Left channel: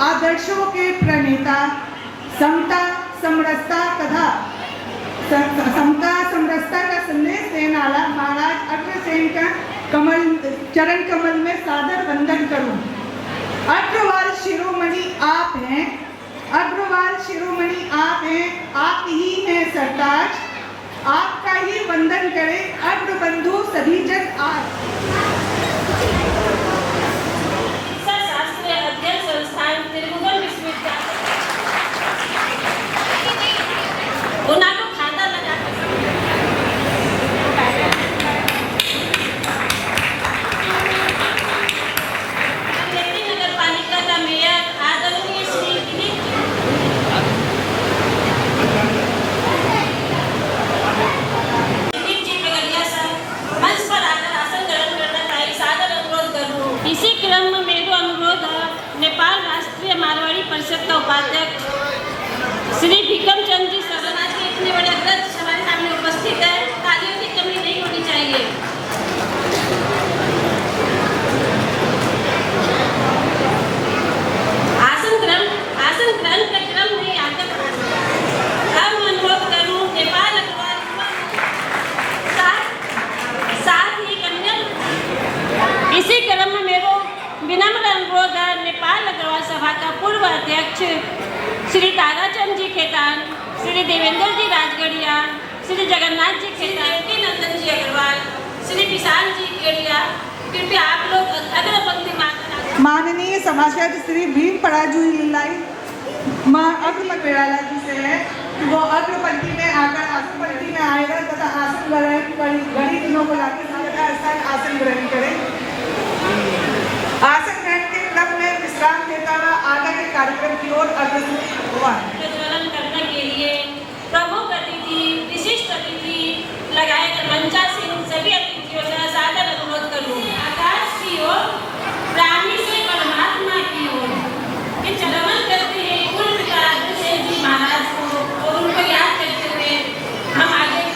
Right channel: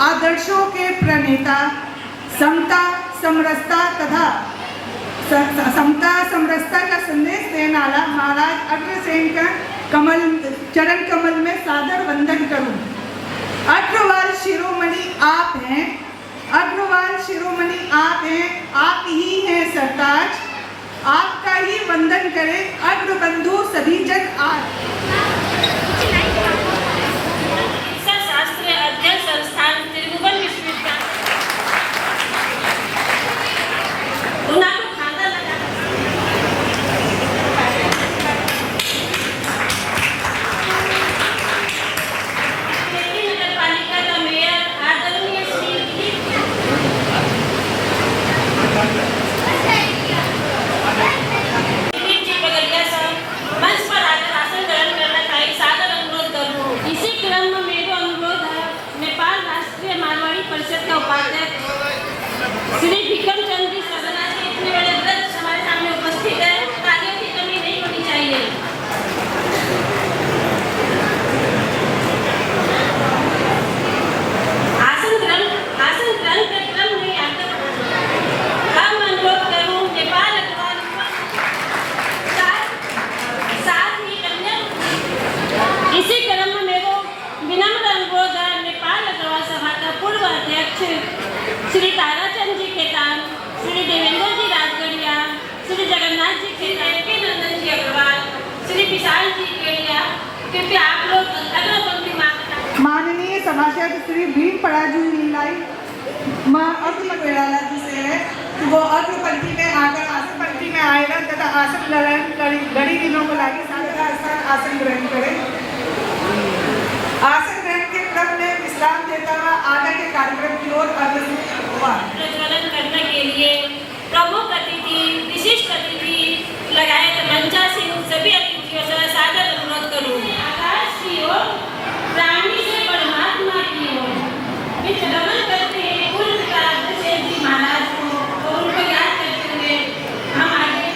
आदर्शों के प्रणेता, समता समरसता का संदेश देने वाला महाराज अग्रसेन का चरण कमल में सादर वंदन करूं। अग्रवाल शिरोमणि आप हैं, अग्रवाल शिरोमणि आप हैं, आप ही हैं सरताज, आपका ही वंदन करें अग्रबंधु सभी जन आज। श्री भिकम चंद जी सजना जी इतने बड़े अध्यक्ष हमारे सामने उपस्थित है, तालियों की कमी नहीं होनी चाहिए। आसन ग्रहण का क्रम नहीं आता। अब अनुरोध करूं नेपाल अग्रवाल साथ ही कन्या इसी क्रम में मेरे विनम्र अनुरोध है नेपाल अग्रवाल सभा का पूर्व अध्यक्ष श्री ताराचंद जी खेतान, श्री देवेंद्र जी राजगढ़िया, श्री जगन्नाथ जी खेतान, नंदन जी अग्रवाल, श्री विशाल जी केड़िया, कृपया आप लोग अग्रपंक्ति माननीय सभासद श्री भीम पराजू लीलाई माँ अखिल बेड़ाला जी से है कि वो अग्रपंक्ति में आकर आसन पंक्ति में आएगा तथा आसन लड़ी दिनों को लाके आसन ग्रहण करें। आसन ग्रहण के क्रम में विश्राम देता हुआ आगे के कार्यक्रम की ओर अग्रसर हुआ। प्रज्वलन करने के लिए प्रमुख अतिथि, विशिष्ट अतिथि लगाए गए मंचासीन सभी अतिथियों से सादर अनुरोध करूं। आकाश की ओर, प्राणी से परमात्मा की ओर ये चरण करते हैं पूर्ण अग्रसेन जी महाराज को और उनको याद करते हुए हम आगे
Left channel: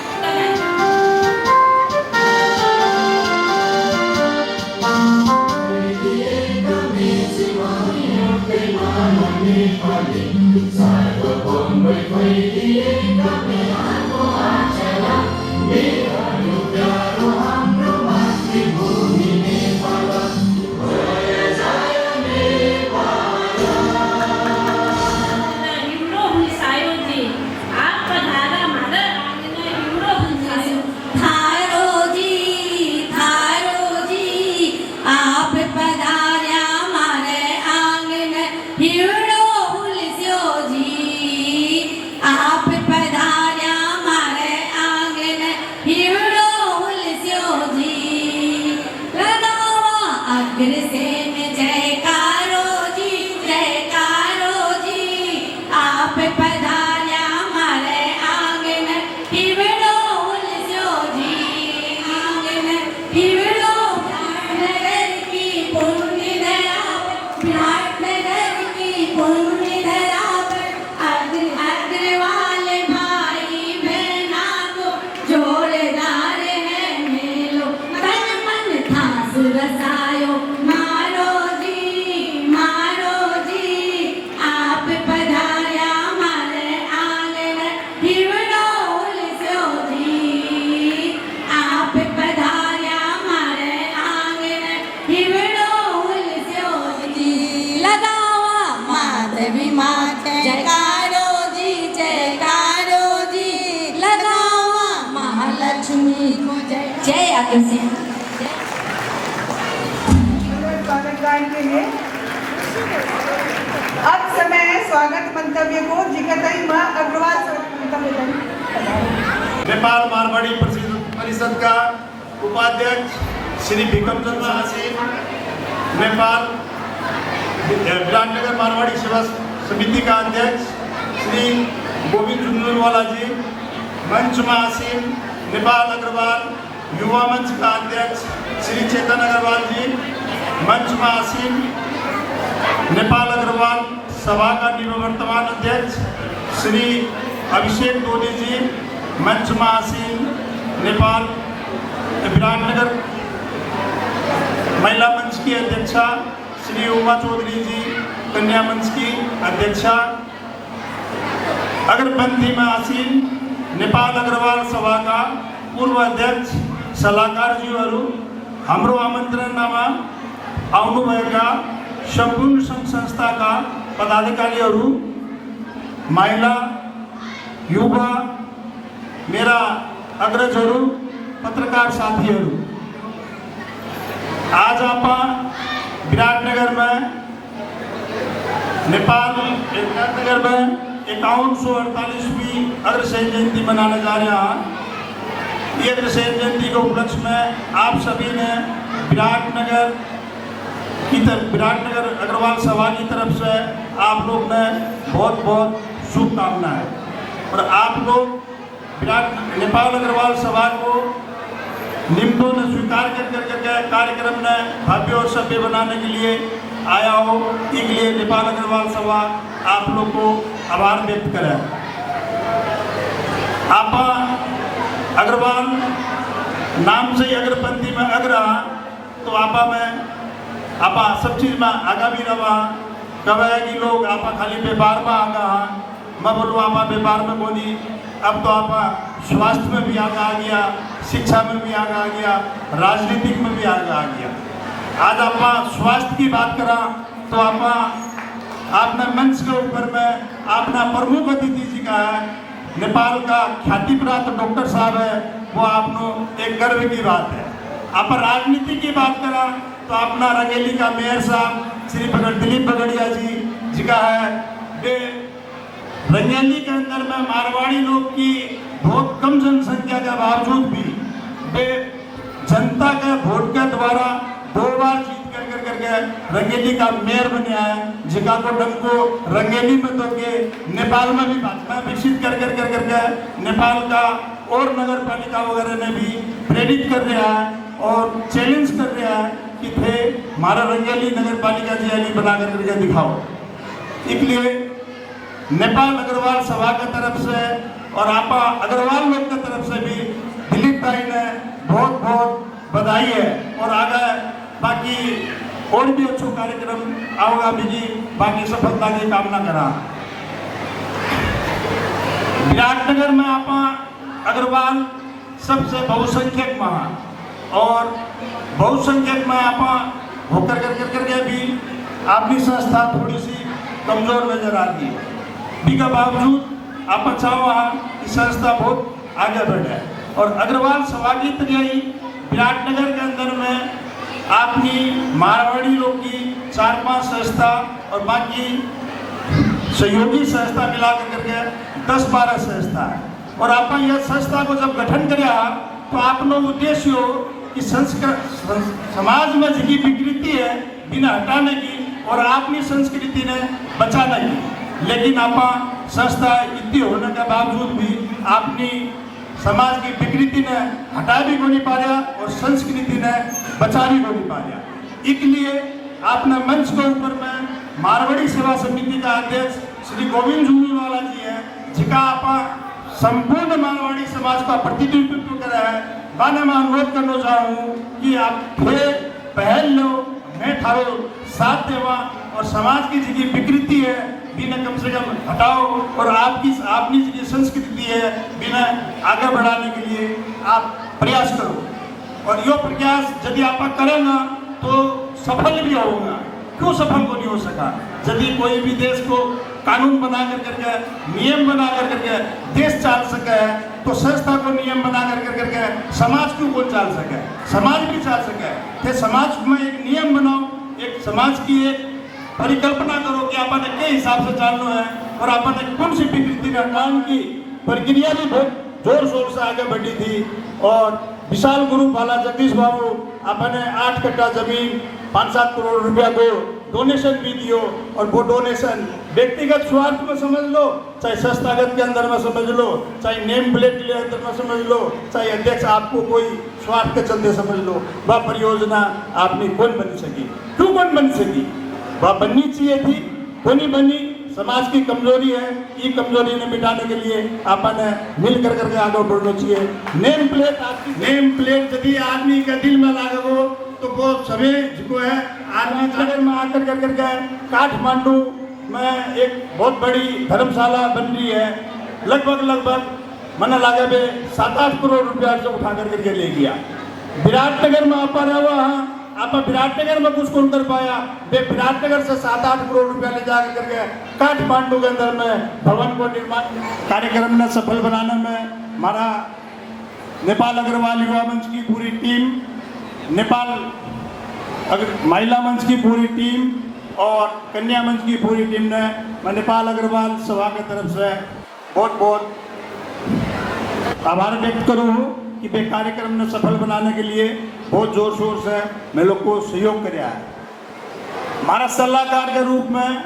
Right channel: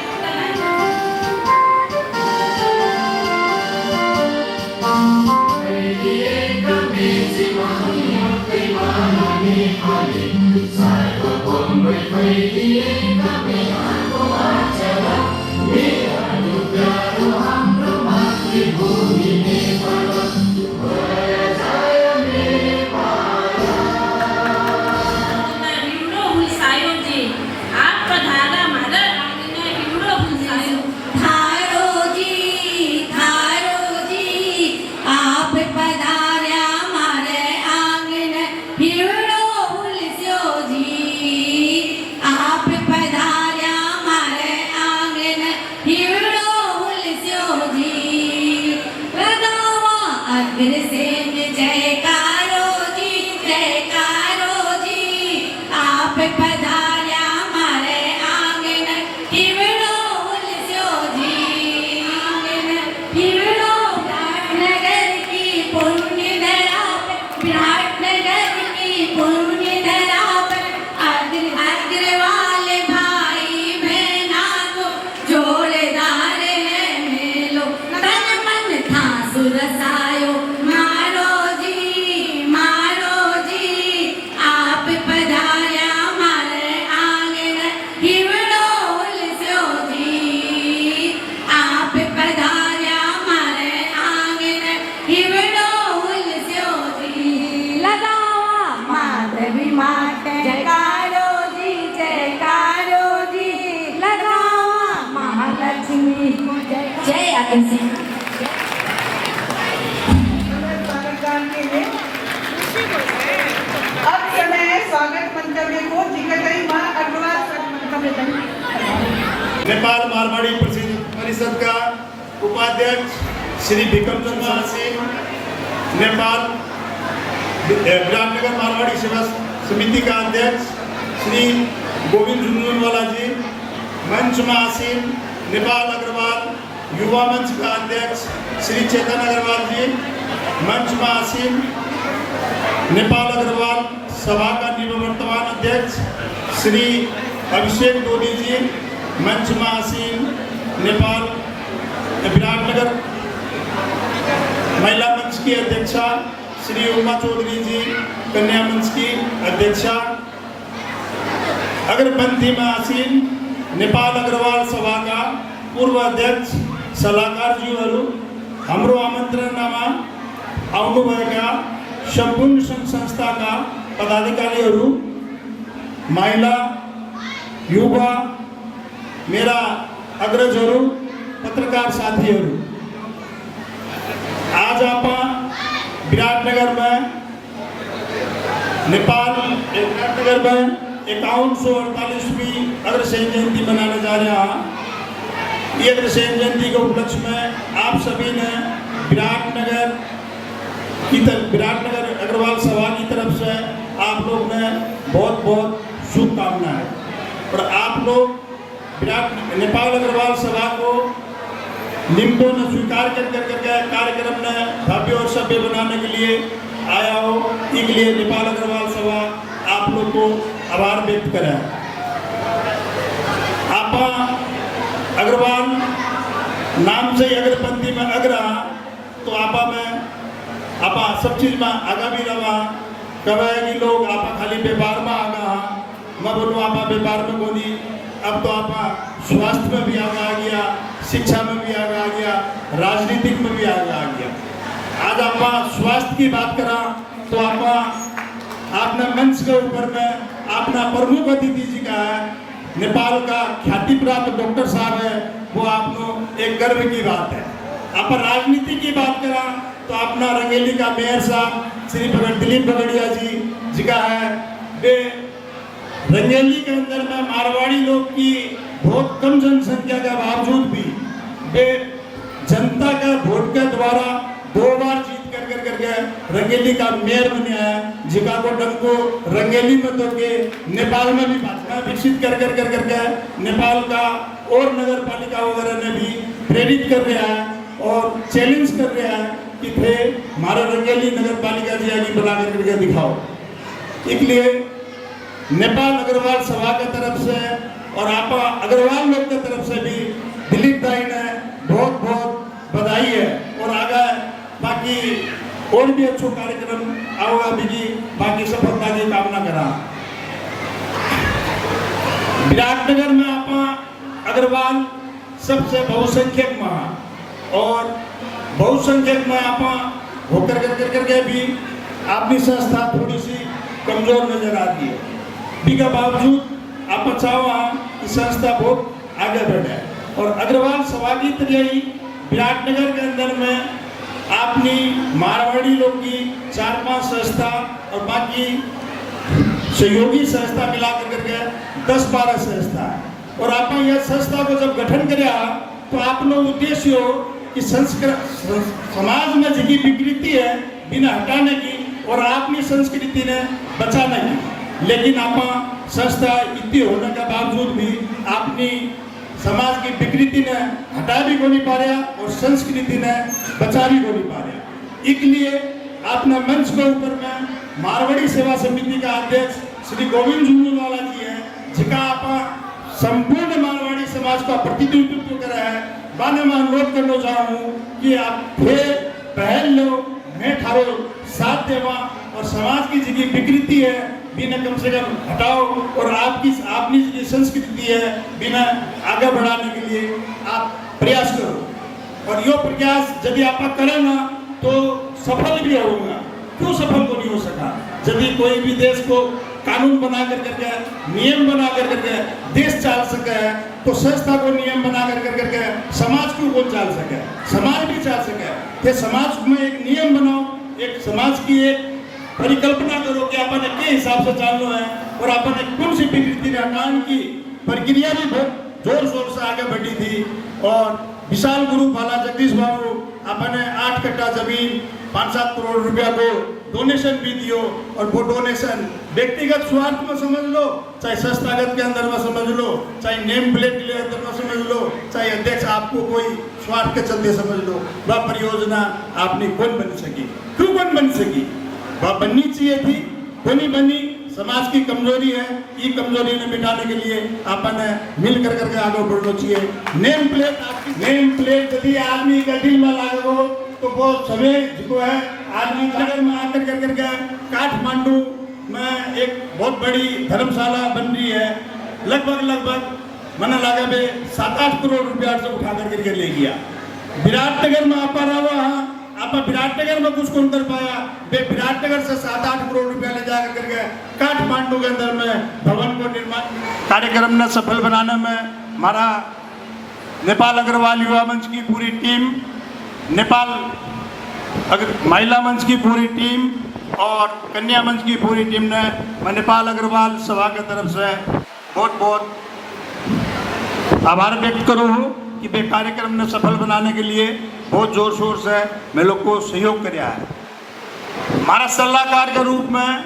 जय अग्रसेन। अब समय है स्वागत मंतव्य को जिगतई मां अग्रवाल नेपाल मारवाड़ी परिषद का उपाध्यक्ष श्री भिकम चंद महासेन, नेपाल विराटनगर मारवाड़ी सेवा समिति का अध्यक्ष श्री गोविंद झुंझुनवाला जी, मंच में आसीन नेपाल अग्रवाल युवा मंच का अध्यक्ष श्री चेतन अग्रवाल जी, मंच में आसीन नेपाल अग्रवाल सभा का निवर्तमान अध्यक्ष श्री अभिषेक दोदी जी, मंच में आसीन नेपाल विराटनगर महिला मंच की अध्यक्षा श्री उमा चौधरी जी, कन्या मंच की अध्यक्षा, अग्रपंथी में आसीन नेपाल अग्रवाल सभा का पूर्व अध्यक्ष सलाहकार जीहरू, हाम्रो आमन्त्रणामा आउनुभएका सम्पूर्ण सङ्घ संस्थाका पदाधिकारीहरू, महिला, युवा, मेरा अग्रजहरू, पत्रकार साथीहरू, आज आप विराटनगर में विराटनगर में 5148वीं अग्रसेन जयंती मनाने जा रहे हैं। ये अग्रसेन जयंती के उपलक्ष्य में आप सभी ने विराटनगर अग्रवाल सभा की तरफ से आप लोग ने बहुत बहुत शुभकामनाएं। और आप लोग नेपाल अग्रवाल सभा को निम्नों ने स्वीकार कर कार्यक्रम ने भव्य और सभ्य बनाने के लिए आया हो, इसके लिए नेपाल अग्रवाल सभा आप लोग को आभार व्यक्त करें। आप अग्रवाल नाम से ही अग्रपंथी में अग्र, तो आप सब चीज में आगा भी रहा कवे लोग आप खाली व्यापार में आगा, मैं बोलूँ आप व्यापार में बोली, अब तो आप स्वास्थ्य में भी आगा आ गया, शिक्षा में भी आगे आ गया, राजनीतिक में भी आगे आ गया। आज आप स्वास्थ्य की बात करा तो आपने मंच के ऊपर में आपने प्रमुख अतिथि जी का है, नेपाल का ख्याति प्राप्त डॉक्टर साहब है, वो आपको एक गर्व की बात है। आप राजनीति की बात करा तो अपना रंगेली का मेयर साहब श्री दिलीप बगड़िया जी का है। वे रंगेली के अंदर में मारवाड़ी लोग की बहुत कम जनसंख्या के बावजूद भी वे जनता के वोट के द्वारा 2 बार जीत करके रंगेली का मेयर बने हैं। जिका को डंको रंगेली में तो के नेपाल में भी भाजपा विकसित करके नेपाल का और नगर पालिका वगैरह ने भी प्रेरित कर रहा है और चैलेंज कर रहा है कि थे हमारा रंगेली नगर पालिका जी आगे बना करके दिखाओ। इसलिए नेपाल अग्रवाल सभा की तरफ से और आप अग्रवाल लोग की तरफ से भी दिलीप भाई ने बहुत बहुत बधाई है। और आगे बाकी और भी अच्छो कार्यक्रम आओगा भी बाकी सफलता की कामना करा। विराटनगर में आप अग्रवाल सबसे बहुसंख्यक में और बहुसंख्यक में आप होकर करके भी अपनी संस्था थोड़ी सी कमजोर नजर आती है। इसके बावजूद आप चाहो कि संस्था बहुत आगे बढ़े और अग्रवाल सभा की तरह विराटनगर के अंदर में अपनी मारवाड़ी लोग की 4-5 संस्था और बाकी सहयोगी संस्था मिला करके 10-12 संस्था है। और आप यह संस्था को जब गठन किया तो आपनो उद्देश्य हो कि समाज में जितनी विकृति है बिना हटाने की और अपनी संस्कृति ने बचाने की। लेकिन आप संस्था इतनी होने के बावजूद भी अपनी समाज की विकृति ने हटा भी को नहीं पा रहा और संस्कृति ने बचा भी को नहीं पा रहा। इसलिए आपने मंच के ऊपर में मारवाड़ी सेवा समिति का अध्यक्ष श्री गोविंद झुंझुनवाला जी है, जिका आप संपूर्ण मारवाड़ी समाज का प्रतिनिधित्व कर रहा है। बाने मैं अनुरोध करना चाहूँ कि आप पहल लो, मैं ठारो साथ देवा और समाज की जितनी विकृति है बिना कम से कम हटाओ और आपकी जो संस्कृति है बिना आगे बढ़ाने के लिए आप प्रयास करो। और यो प्रयास यदि आप करेंगे तो सफल भी होगा। क्यों सफल को नहीं हो सका? यदि कोई भी देश को कानून बना करके नियम बना करके देश चल सके तो संस्था को नियम बना करके समाज को कौन चल सके? समाज भी चल सके। तो समाज में एक नियम बनाओ, एक समाज की एक परिकल्पना करो कि अपन के हिसाब से चलना है और अपन कौन सी विकृति हटाने की प्रक्रिया भी बहुत जोर शोर से आगे बढ़ी थी। और विशाल ग्रुप वाला जगदीश बाबू अपने 8 कट्टा जमीन 5-7 करोड़ रुपया को डोनेशन भी दियो और वो डोनेशन व्यक्तिगत स्वार्थ में समझ लो, चाहे संस्थागत के अंदर में समझ लो, चाहे नेम प्लेट के अंदर में समझ लो, चाहे अध्यक्ष आपको कोई स्वार्थ के चलते समझ लो, वह परियोजना आपने कौन बन सकी? क्यों कौन बन सकी? वह बननी चाहिए थी, वो नहीं बनी। समाज की कमजोरी है, ये कमजोरी ने मिटाने के लिए अपन मिल करके आगे बढ़ना चाहिए। नेम प्लेट यदि आदमी के दिल में लागो तो वो सभी जो है आदमी नगर में आकर करके काठमांडू में एक बहुत बड़ी धर्मशाला बन रही है। लगभग मना लागे बे 7-8 करोड़ रुपया से उठा करके ले गया। विराटनगर में आप रहा आप विराटनगर में कुछ कौन कर पाया बे विराटनगर से 7-8 करोड़ रुपया ले जाकर करके काठमांडू के अंदर में भवन को निर्माण कार्यक्रम ने सफल बनाने में हमारा नेपाल अग्रवाल युवा मंच की पूरी टीम, नेपाल महिला मंच की पूरी टीम और कन्या मंच की पूरी टीम ने मैं नेपाल अग्रवाल सभा की तरफ से बहुत बहुत आभार व्यक्त करूँ कि वे कार्यक्रम ने सफल बनाने के लिए बहुत जोर शोर से मैं लोग को सहयोग कराया है। हमारा सलाहकार के रूप में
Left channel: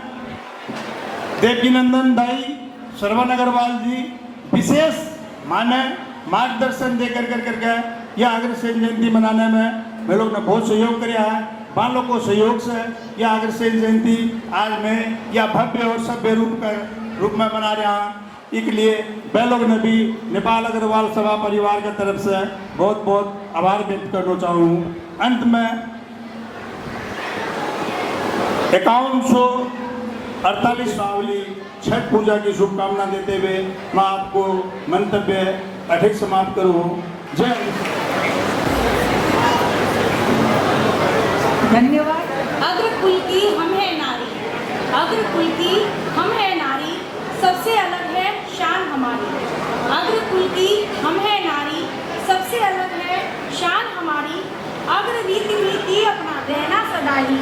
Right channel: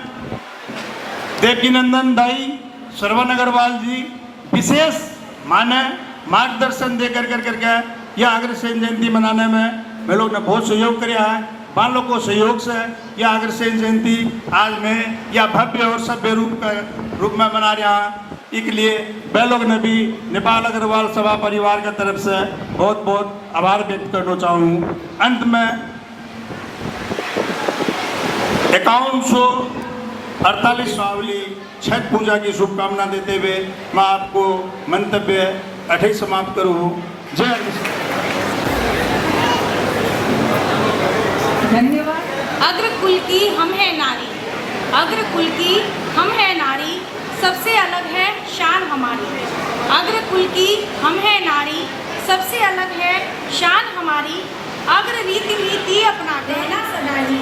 देवकीनंदन दाई, श्रवण अग्रवाल जी विशेष माने मार्गदर्शन देकर करके यह अग्रसेन जयंती मनाने में मैं लोग ने बहुत सहयोग किया है। मान लोग को सहयोग से यह अग्रसेन जयंती आज मैं यह भव्य और सभ्य रूप में मना रहा है। इसके लिए वे लोग ने भी नेपाल अग्रवाल सभा परिवार की तरफ से बहुत बहुत आभार व्यक्त करना चाहूँ। अंत में 5148वां छठ पूजा की शुभकामना देते हुए मैं आपको मंतव्य अधिक समाप्त करूँ। जय धन्यवाद। अग्रकुल की हम है नारी, अग्रकुल की हम है नारी, सबसे अलग है शान हमारी। अग्रकुल की हम है नारी, सबसे अलग है शान हमारी। अग्र रीति अपना रहना सदाई,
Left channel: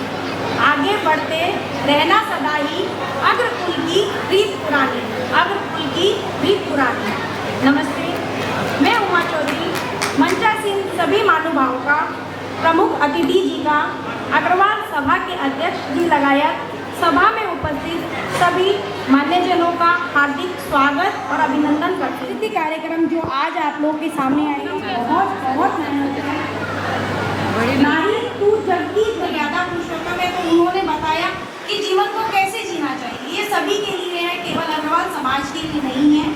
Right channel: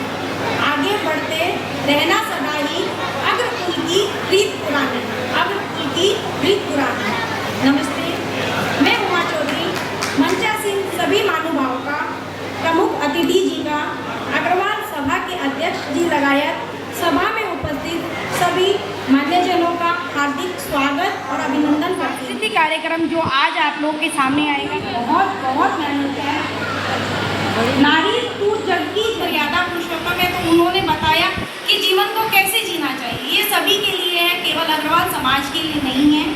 आगे बढ़ते रहना सदाई। अग्रकुल की रीत पुरानी, अग्रकुल की रीत पुरानी। नमस्ते, मैं उमा चौधरी मंचासीन सभी महानुभावों का, प्रमुख अतिथि जी का, अग्रवाल सभा के अध्यक्ष जी लगायत सभा में उपस्थित सभी मान्यजनों का हार्दिक स्वागत और अभिनंदन करते हैं। कार्यक्रम जो आज आप लोगों के सामने आएगा बहुत बहुत मेहनत है। नारी तू जगती मर्यादा पुरुषोत्तम है, तो उन्होंने बताया कि जीवन को कैसे जीना चाहिए। ये सभी के लिए है, केवल अग्रवाल समाज के लिए नहीं है।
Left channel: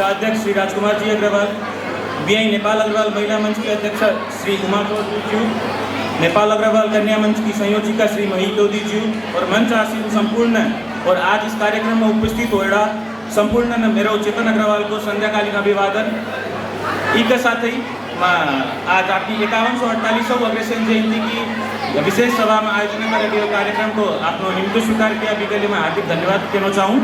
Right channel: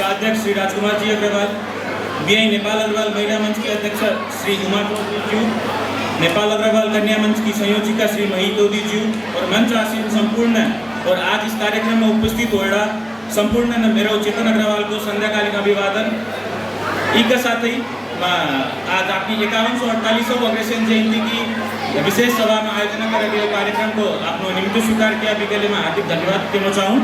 का अध्यक्ष श्री राजकुमार जी अग्रवाल, वीआई नेपाल अग्रवाल महिला मंच के अध्यक्ष श्री कुमार चौधरी जी, नेपाल अग्रवाल कन्या मंच की संयोजिका श्री मही चौधरी जी और मंच आसीन संपूर्ण और आज इस कार्यक्रम में उपस्थित होएड़ा संपूर्ण मेरो चेतन अग्रवाल को संध्याकालीन अभिवादन। इसके साथ ही आज आपकी 51 और 48 अग्रसेन जयंती की विशेष सभा में आयोजन कर दिए कार्यक्रम को आपने निम्न स्वीकार किया अभी के लिए मैं हार्दिक धन्यवाद देना चाहूँ।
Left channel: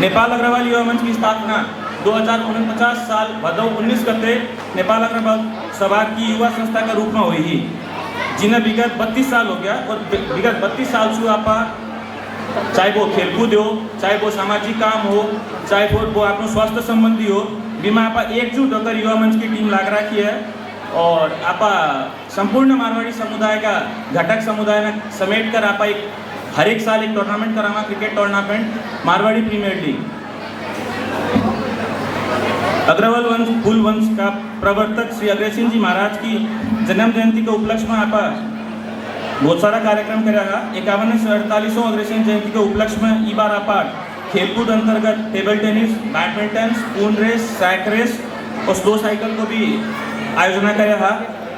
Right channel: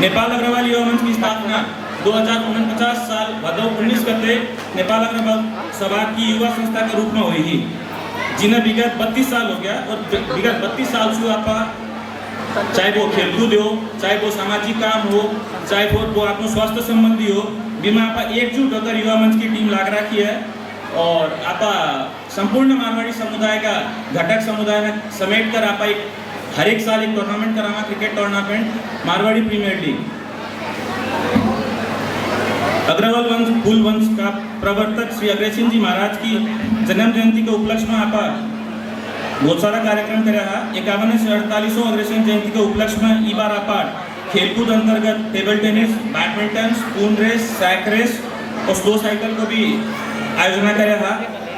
नेपाल अग्रवाल युवा मंच की स्थापना 2049 साल भदौ 19 गते नेपाल अग्रवाल सभा की युवा संस्था के रूप में हुई थी, जिन्हें विगत 32 साल हो गया और विगत 32 साल से आप चाहे वो खेलकूद हो, चाहे वो सामाजिक काम हो, चाहे वो आपको स्वास्थ्य संबंधी हो, जिसमें आप एकजुट होकर युवा मंच की टीम लाग रखी है और आप संपूर्ण मारवाड़ी समुदाय का घटक समुदाय में समेट कर आप हर एक साल एक टूर्नामेंट करावा, cricket tournament Marwari premier league. Agarwal वंश कुल वंश का प्रवर्तक श्री अग्रसेन जी महाराज की जन्म जयंती के उपलक्ष्य में आप बहुत सारा कार्यक्रम करेगा। 51 से 48 अग्रसेन जयंती के उपलक्ष्य में ई बार आप खेलकूद अंतर्गत table tennis, badminton, spoon race, sack race और स्लो साइकिल को भी आयोजना करेगा।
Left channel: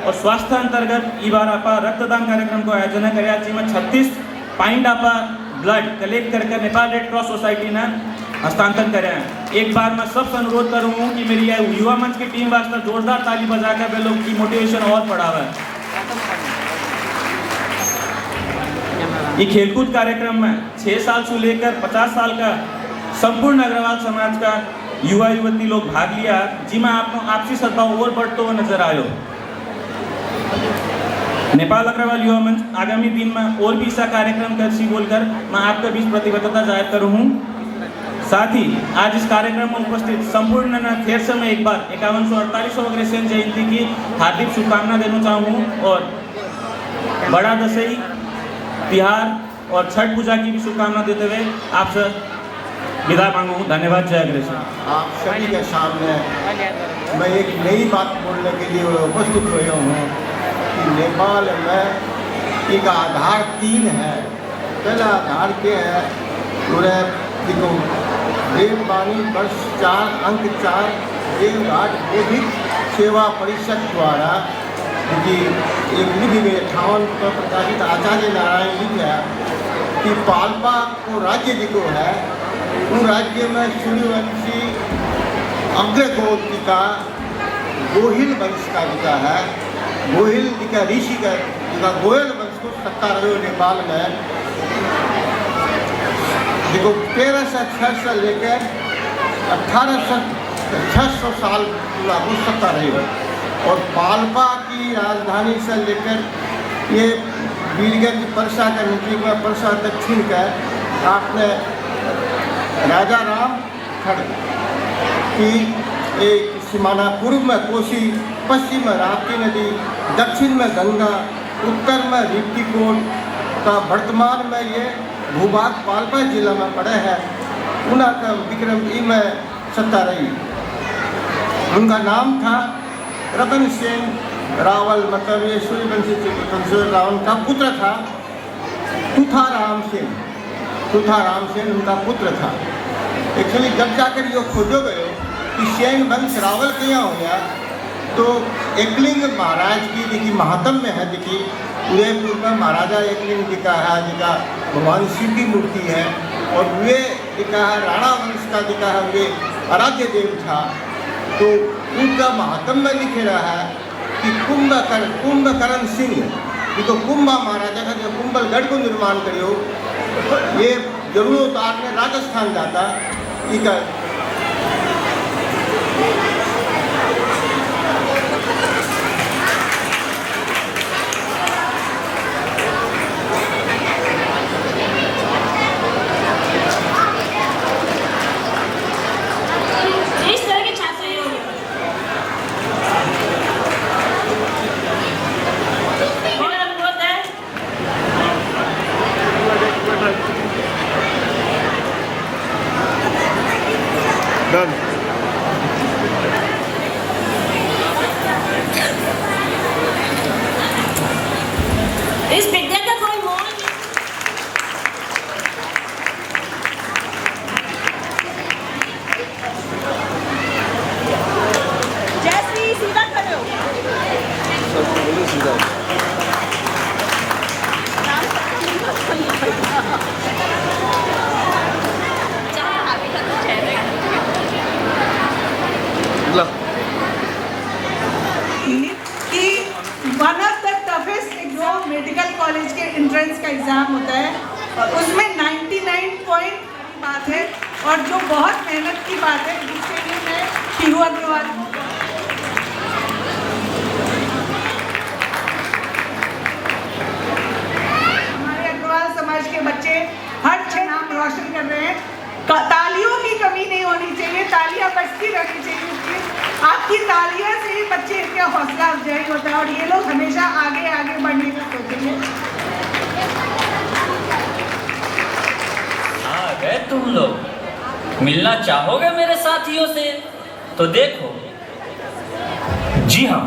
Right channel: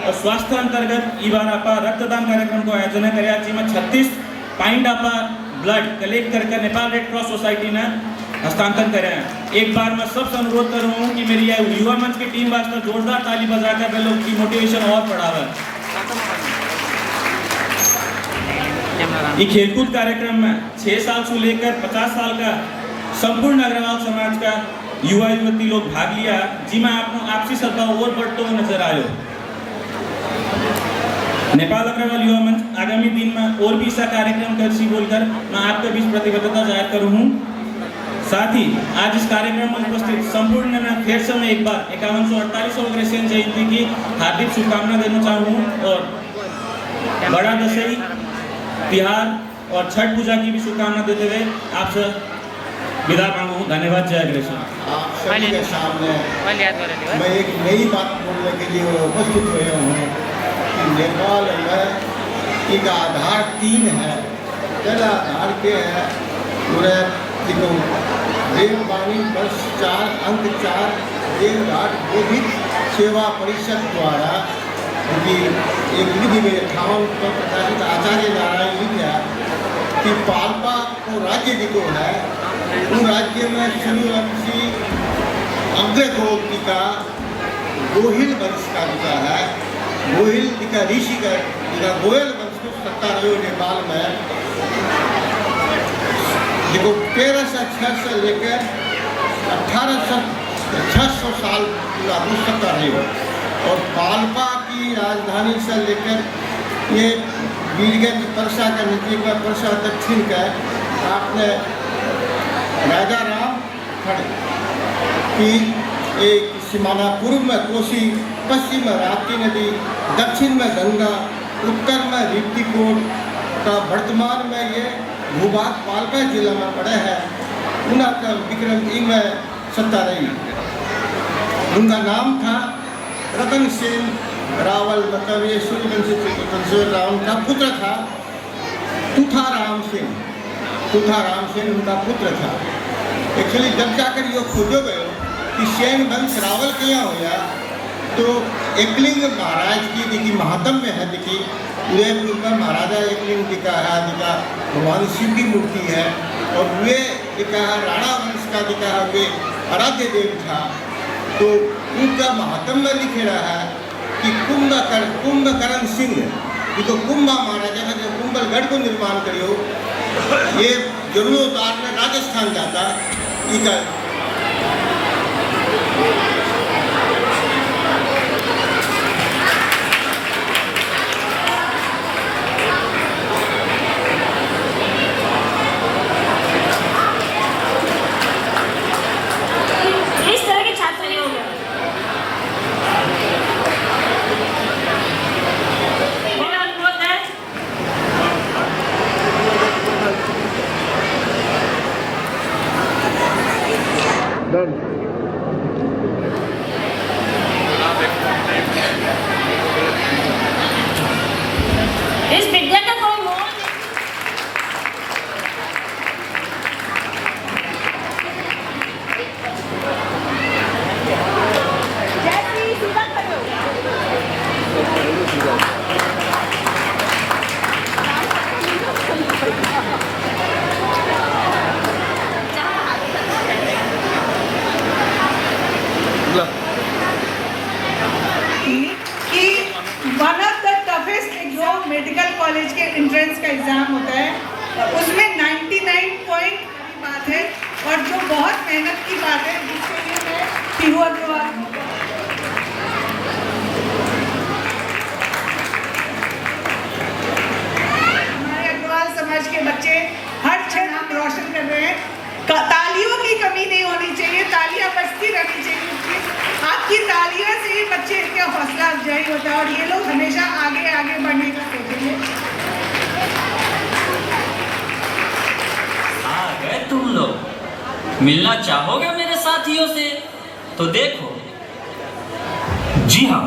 और स्वास्थ्य अंतर्गत ई बार आप रक्तदान कार्यक्रम को आयोजना करेगा, जिसमें 36 पाइंट आप ब्लड कलेक्ट करके नेपाल रेड क्रॉस सोसाइटी ने हस्तांतरण करें। एक बार मैं सबसे अनुरोध कर रहा हूँ कि मेरी युवा मंच की टीम वास्ते जोरदार ताली बजाकर वे लोग की मोटिवेशन और बढ़ावे। ये खेलकूद कार्यक्रम में 6 साल से लेकर 50 साल का संपूर्ण अग्रवाल समाज का युवा युवती लोग भाग लिया, जिसमें आपसी सद्भाव और बढ़ते हुए नजर आयो। नेपाल अग्रवाल युवा मंच आगामी दिन में और भी ऐसा कार्यक्रम कर बोलकर मैं आपके बीच प्रतिबद्धता जाहिर करूँ हूँ। साथ ही आज इस कार्यक्रम में उपस्थित संपूर्ण फिर से मैं एक बार 51 और 48 अग्रसेन जयंती की हार्दिक शुभकामना देना चाहूँ और बड़ा दशहरी तिहार और छठ पूजा की भी शुभकामना देते हुए आपसे विदा मांगू। धन्यवाद। जय अग्रसेन। आप सभी के सामने मैं एक नई बात बोलने के लिए उपस्थित हुआ हूँ कि नेपाल में एक आधार 3 है। पहला आधार क्या है, पूरे देववाणी वर्ष 4 अंक 4 देवघाट बौद्धिक सेवा परिषद द्वारा कि एक विधि में 58 को प्रकाशित आचार्य नारायण लिखा कि पाल्पा को राज्य जिको है वो राज्य में सूर्यवंशी अग्रगोत्री का गोहिल वंश का जिका है, गोहिल जिका ऋषि का जिका गोयल वंश को सत्ता रहे नेपाल में जिको 1306 से लेकर 1800 साल लागू सत्ता रही है। और पाल्पा की राजधानी से लेकर ये बीरगंज परसा के नजदीक में परसा दक्षिण का आपने राजा राम खड़ की एक सीमाना, पूर्व में कोसी, पश्चिम में राप्ती नदी, दक्षिण में गंगा, उत्तर में रिप्तीकोट का वर्तमान में ये भूभाग पाल्पा जिला में पड़े हैं। उनका विक्रम ई में सत्ता रही। उनका नाम था रतन सेन रावल, मतलब ये सूर्यवंशी रावल का पुत्र था। तुथाराम सेन उनका पुत्र था। एक्चुअली जब जाकर ये खोजो गए कि सेन वंश रावल क्या हो गया, तो एकलिंग महाराज की देखी महात्म में है, देखी उदयपुर का महाराजा एकलिंग जी का है, जिका भगवान शिव की मूर्ति है। और वे जिका राणा वंश का जिका है वे आराध्य देव था। तो उनका महात्म में लिख रहा है कि कुंभकर्ण सिंह इनको कुंभा माना जैसे कुंभलगढ़ को निर्माण करियो ये जरूरत आपने राजस्थान जाता इनका इस तरह के छात्र ही हो गए। मेरा अनुरोध है इस विद्या का कोई मोल जैसे सीधा करो। कि one of the toughest exam medical college के एंट्रेंस का एग्जाम होता है उसमें 99 पॉइंट की बात है और जो बहुत मेहनत की बात है जिसके लिए मैं शिरू अग्रवाल हमारे अग्रवाल समाज के बच्चे हर क्षण नाम रोशन कर रहे हैं। तालियों की कमी नहीं होनी चाहिए, तालियां बजती रहनी चाहिए। आपकी तालियों से ही बच्चे इनका हौसला अफजाई होता है और ये लोग हमेशा आगे आगे बढ़ने का सोचेंगे। आ गए तुम लोग, मिलना चाहोगे मेरे साथियों से? तो देखो। जी हाँ,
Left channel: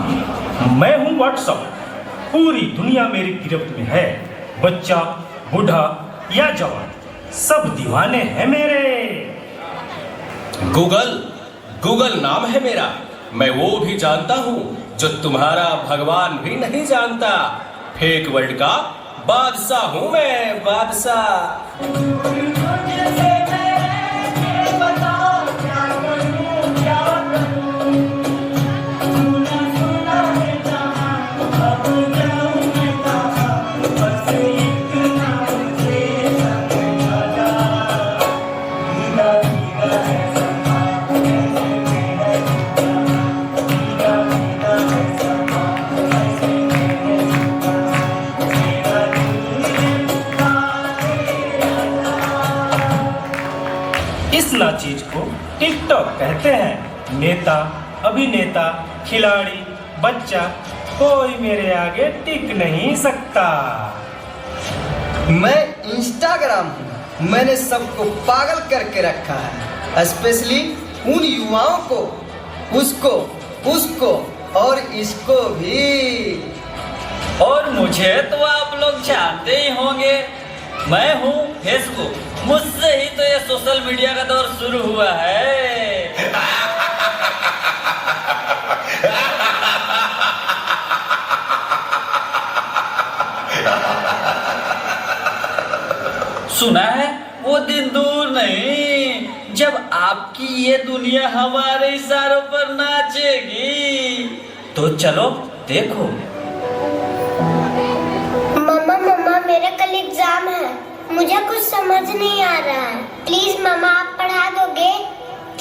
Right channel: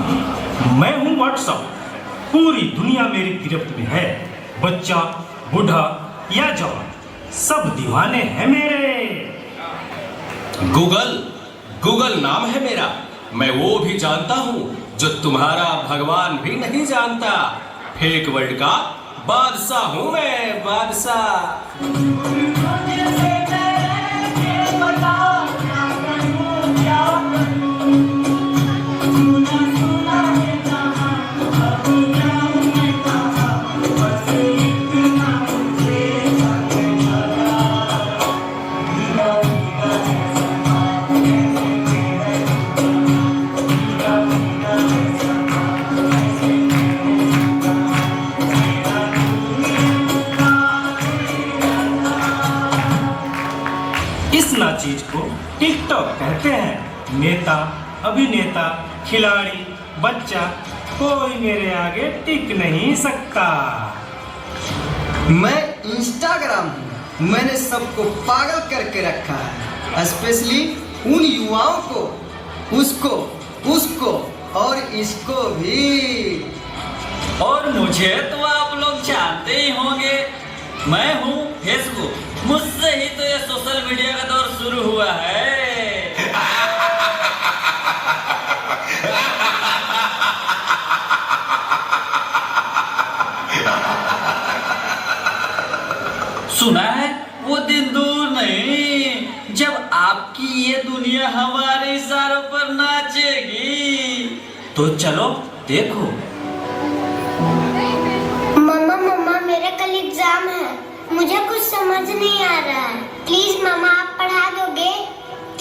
मैं हूँ व्हाट्सअप। पूरी दुनिया मेरी गिरफ्त में है। बच्चा, बूढ़ा या जवान, सब दीवाने हैं मेरे। गूगल नाम है मेरा। मैं वो भी जानता हूँ जो तुम्हारा भगवान भी नहीं जानता। फेक वर्ल्ड का बादशाह हूँ मैं, बादशाह। इस ना चीज को टिकटॉक कहते हैं। नेता, अभिनेता, खिलाड़ी, बच्चा, कोई मेरे आगे टिक नहीं सकता। मैं इंस्टाग्राम हूँ। मैंने सबको पागल करके रखा है, स्पेशली उन युवाओं को, उसको और इसको भी। और मुझे तो आप लोग जानते ही होंगे, मैं हूँ फेसबुक। मुझसे ही तो ये सोशल मीडिया का दौर शुरू हुआ है। सुना है वो दिन दूर नहीं जब आपकी ये दुनिया हमारे इशारों पर नाचेगी। तो चलो देखो। मम्मा मेरा कल एग्जाम है, मुझे कुछ समझ नहीं आ रहा है। प्लीज मम्मा आप पढ़ा दोगे?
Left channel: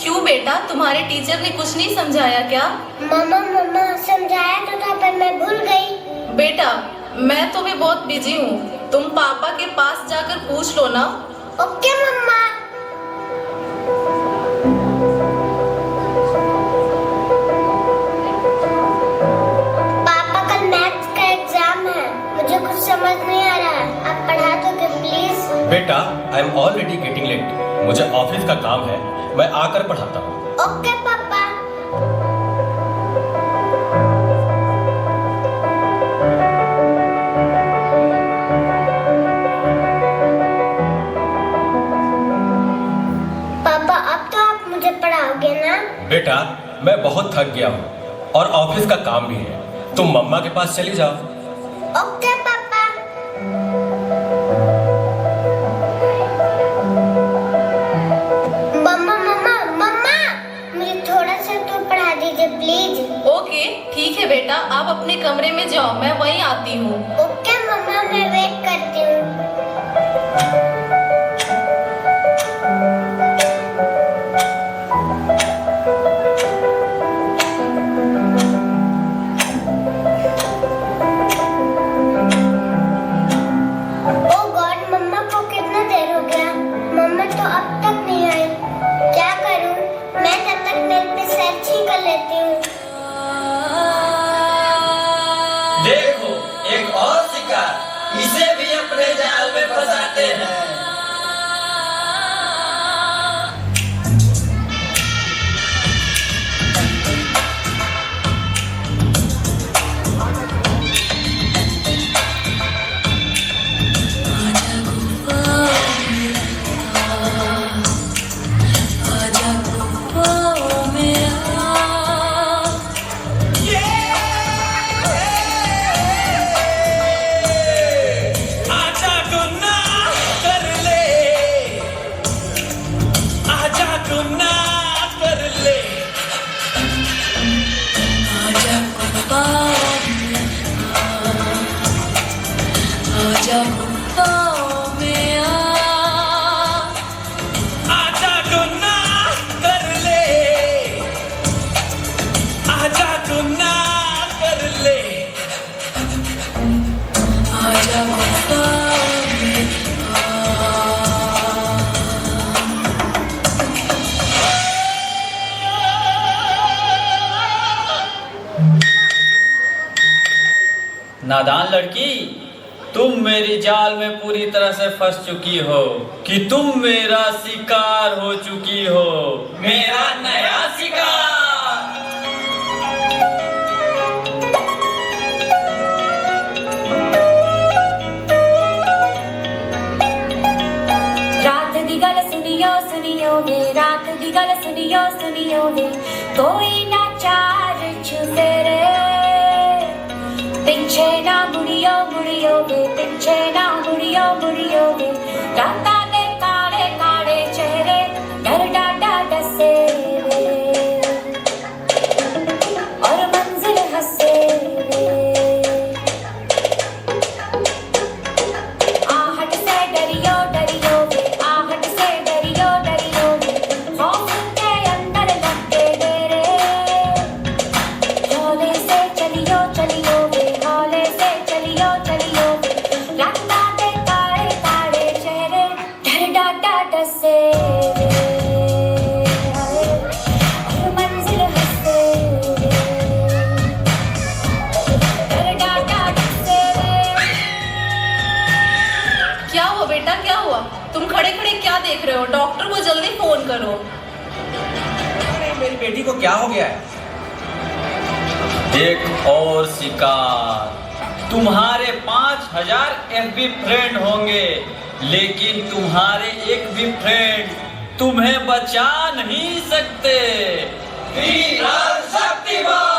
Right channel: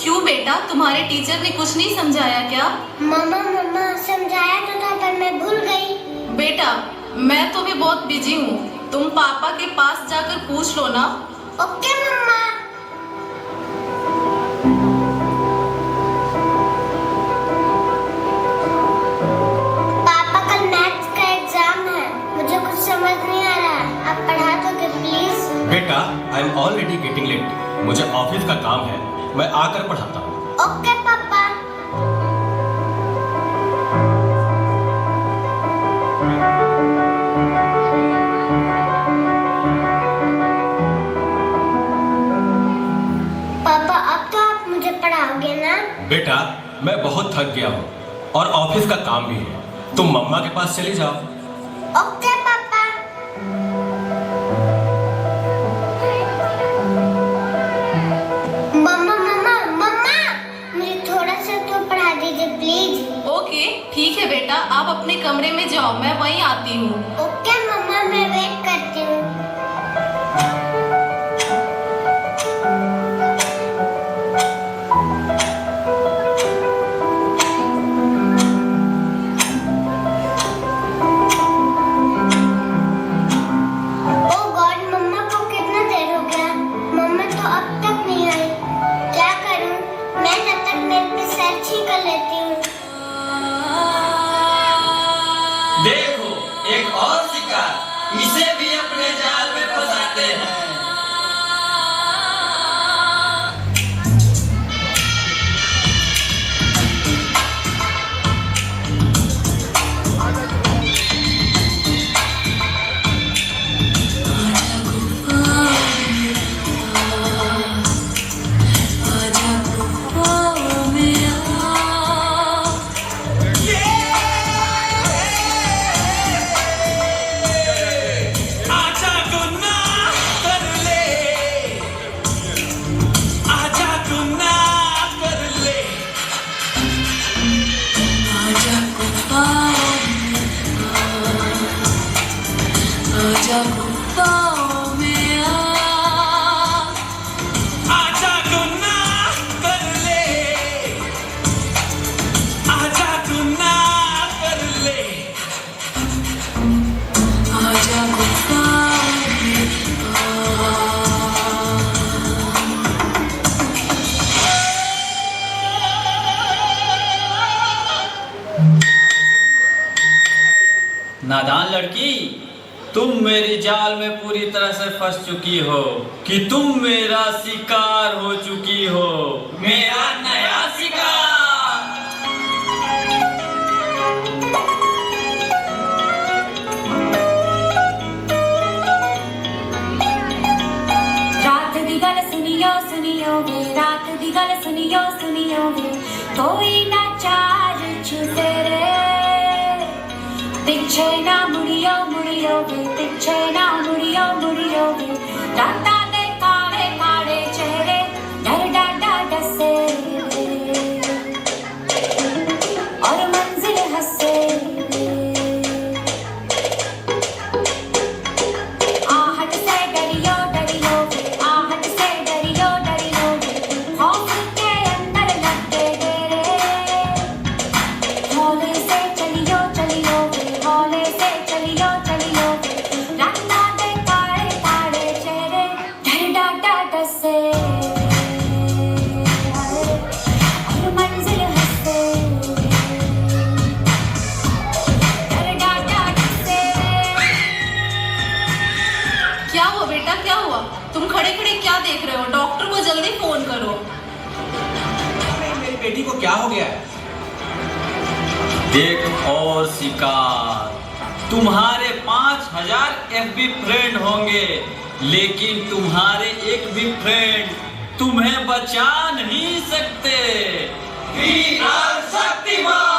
क्यों बेटा, तुम्हारे टीचर ने कुछ नहीं समझाया क्या? मम्मा समझाया तो था पर मैं भूल गई। बेटा मैं तो भी बहुत बिजी हूँ, तुम पापा के पास जाकर पूछ लो ना। ओके मम्मा। पापा कल मैथ्स का एग्जाम है, मुझे कुछ समझ नहीं आ रहा है, आप पढ़ा दोगे प्लीज? बेटा, I am already getting late. मुझे ऑफिस का काम है, मैं आकर पढ़ाता हूँ। ओके पापा। पापा अब तो आप मुझे पढ़ाओगे ना? बेटा मैं बहुत थक गया हूँ और ऑफिस का काम भी है, तुम मम्मा के पास चली जाओ। ओके पापा। ओके ठीक है बेटा, आप अपने कमरे में जाओ, मैं वहीं आती हूँ। ओके इसे भी अपने जाल में फंसाते हैं। नादान लड़की, तुम मेरी जाल में पूरी तरह से फंस चुकी हो कि तुम मेरा शिकार हो चुकी हो, मेरा नया शिकार। रात दी गल सुनियो सुनियो वे, रात दी गल सुनियो सुनियो वे, कोई ना चार छुपे रे, पिछे ना मुड़ियो मुड़ियो वे, पिछे ना मुड़ियो मुड़ियो वे, राता दे काले काले चेहरे डर डाडा डसे और मंजिल हंसे, आहट से डरियो डरियो वे, आहट से डरियो डरियो वे, खौफ के अंदर लगे डेरे, हौले से चलियो चलियो वे, हौले से चलियो चलियो वे, राता दे काले काले चेहरे डर डाडा डसे और मंजिल हंसे, डर डाडा डसे। क्या हुआ बेटा, क्या हुआ? तुम खड़े खड़े क्या देख रहे हो? डॉक्टर को जल्दी फोन करो। मेरी बेटी को क्या हो गया है? एक और शिकार। तुम्हारे 5000 FB फ्रेंड होंगे, लेकिन तुम्हारे एक भी फ्रेंड तुम्हें बचा नहीं सकते। वीर शक्तिमान।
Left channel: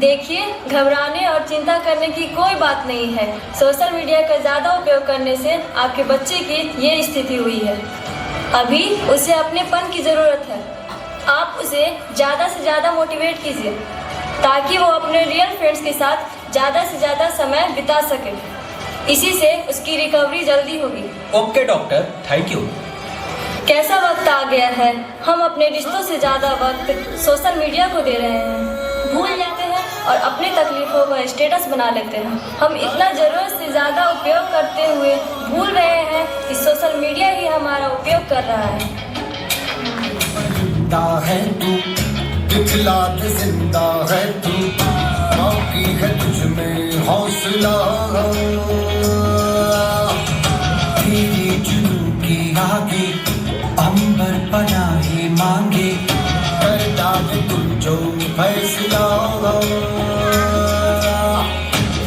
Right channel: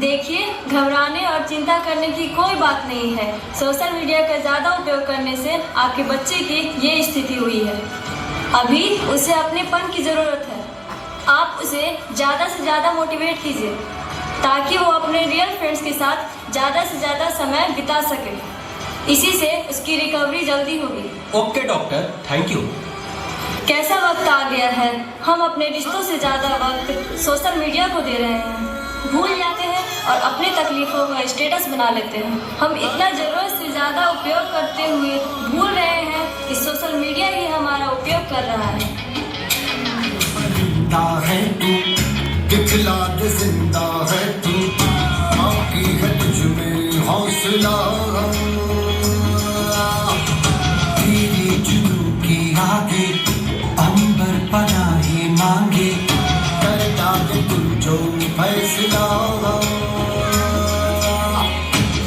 देखिए, घबराने और चिंता करने की कोई बात नहीं है। सोशल मीडिया का ज़्यादा उपयोग करने से आपके बच्चे की ये स्थिति हुई है। अभी उसे अपनेपन की ज़रूरत है। आप उसे ज़्यादा से ज़्यादा मोटिवेट कीजिए ताकि वो अपने रियल फ्रेंड्स के साथ ज़्यादा से ज़्यादा समय बिता सके। इसी से उसकी रिकवरी जल्दी होगी। Okay doctor, thank you. कैसा वक्त आ गया है, हम अपने रिश्तों से ज़्यादा वक्त सोशल मीडिया को दे रहे हैं। भूल जाते हैं और अपनी तकलीफों का स्टेटस बना लेते हैं। हम इतना ज़रूरत से ज़्यादा उपयोग करते हुए भूल रहे हैं कि सोशल मीडिया ही हमारा उपयोग कर रहा है। जिंदा है तू, दिखला दे जिंदा है तू, बाकी है तुझमें हौसला, तेरे जुनून की आगे अंबर पनाहे मांगे, कर डाले तू जो फैसला।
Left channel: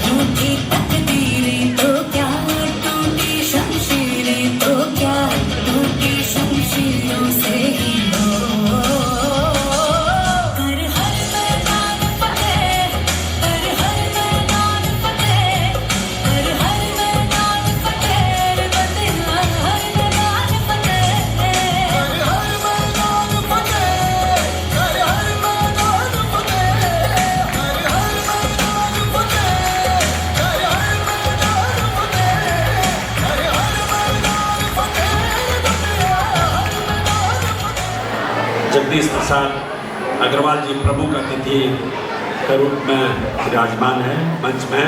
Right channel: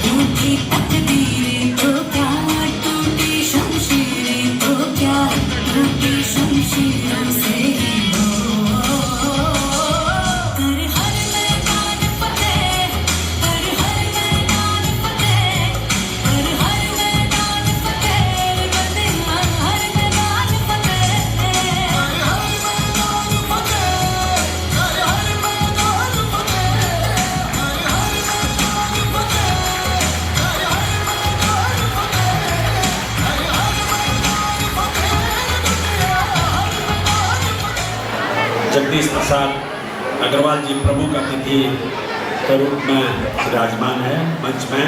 टूटी तकदीरें तो क्या, टूटी शमशीरें तो क्या, टूटी शमशीरों से ही कर हर मैदान फतेह, कर हर मैदान फतेह, कर हर मैदान फतेह, फतेह हर मैदान फतेह, कर हर मैदान फतेह, कर हर मैदान जगदीश प्रसाद अग्रवाल जी प्रमुख अतिथि के रूप में विराजमान है मंच में,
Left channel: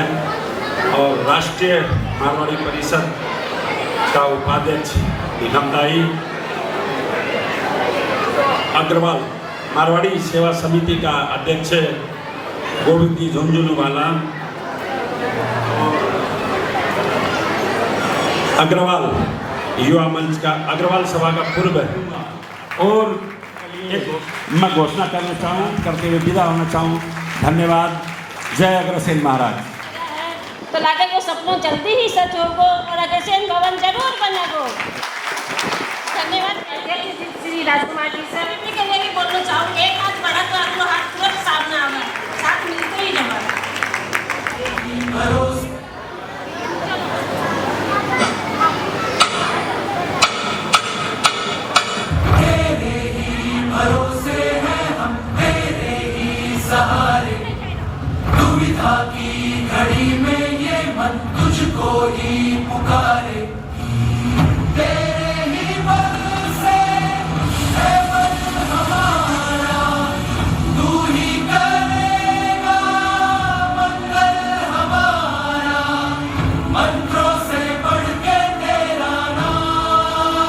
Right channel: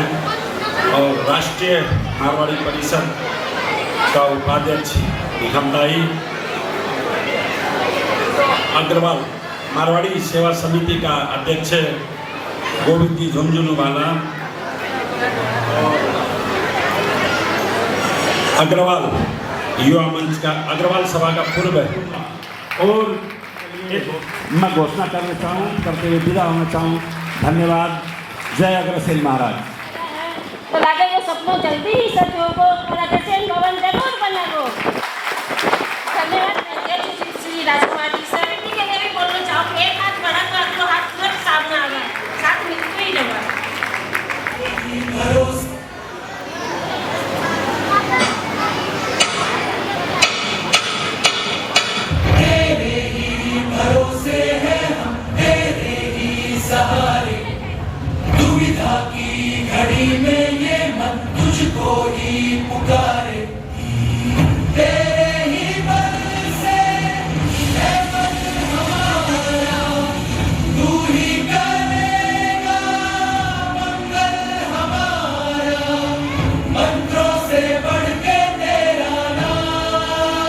और राष्ट्रीय मारवाड़ी परिषद का उपाध्यक्ष निगमदाई अग्रवाल मारवाड़ी सेवा समिति का अध्यक्ष गोविंद जी झुंझुनवाला, अग्रवाल युवा मंच का अग्रवाल सभा का पूर्व और मैं घोषणा करते हुए विदा होना चाहूँ। धन्यवाद। जय अग्रसेन महाराज। तो लागे वो सपनों जल्दी ही सच होगो और अग्रसेन भवन जरूर बनेगो। धन्यवाद श्री राजकुमार जी सर। के लिए भी बोलना चाहूँ, एक हाथ बढ़ा तो आपको हाथ तुरंत सामने आ गया, साथ मिलते ही जवाब। दुविधा की घड़ी में ये मन तुझको ही पुकारे, तेरे ही बल से है मन हमारा, तू ही करेगा मंगल हमारा, मंत्रों से बढ़ के तेरा नाम।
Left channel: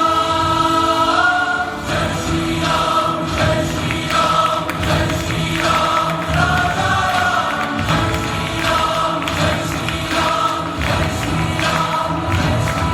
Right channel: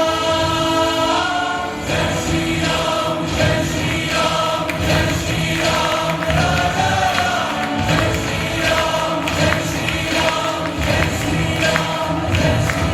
जय श्री राम, जय श्री राम, जय श्री राम, राधा राम, जय श्री राम, जय श्री राम, जय श्री राम, जय श्री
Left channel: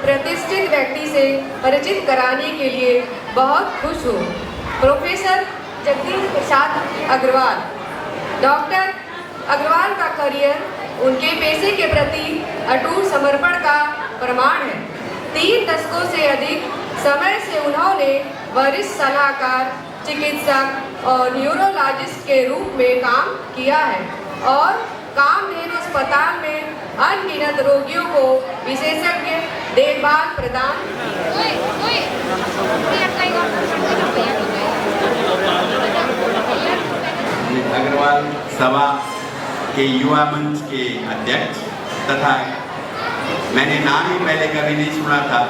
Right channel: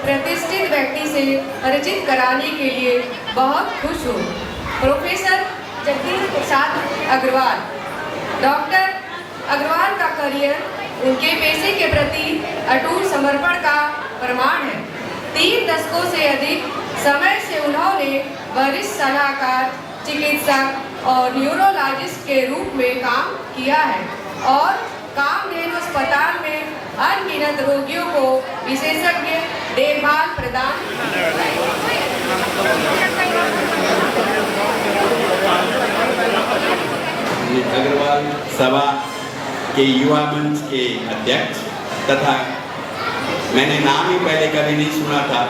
प्रतिष्ठित व्यक्ति से परिचित कराने के लिए बहुत खुश हूँ। प्रोफेसर जगदीश प्रसाद अग्रवाल। डॉक्टर अग्रवाल का करियर उनके पेशे के प्रति अटूट समर्पण का प्रमाण है। 3 दशकों से अधिक समय से उन्होंने वरिष्ठ सलाहकार, चिकित्सक और न्यूरोलॉजिस्ट के रूप में काम किया है और कामधेनु अस्पताल में अनगिनत रोगियों को विशेषज्ञ देखभाल प्रदान अग्रवाल सभा के युवा मंच के अध्यक्ष तथा मैंने नाम ही पहले कभी नहीं सुना था,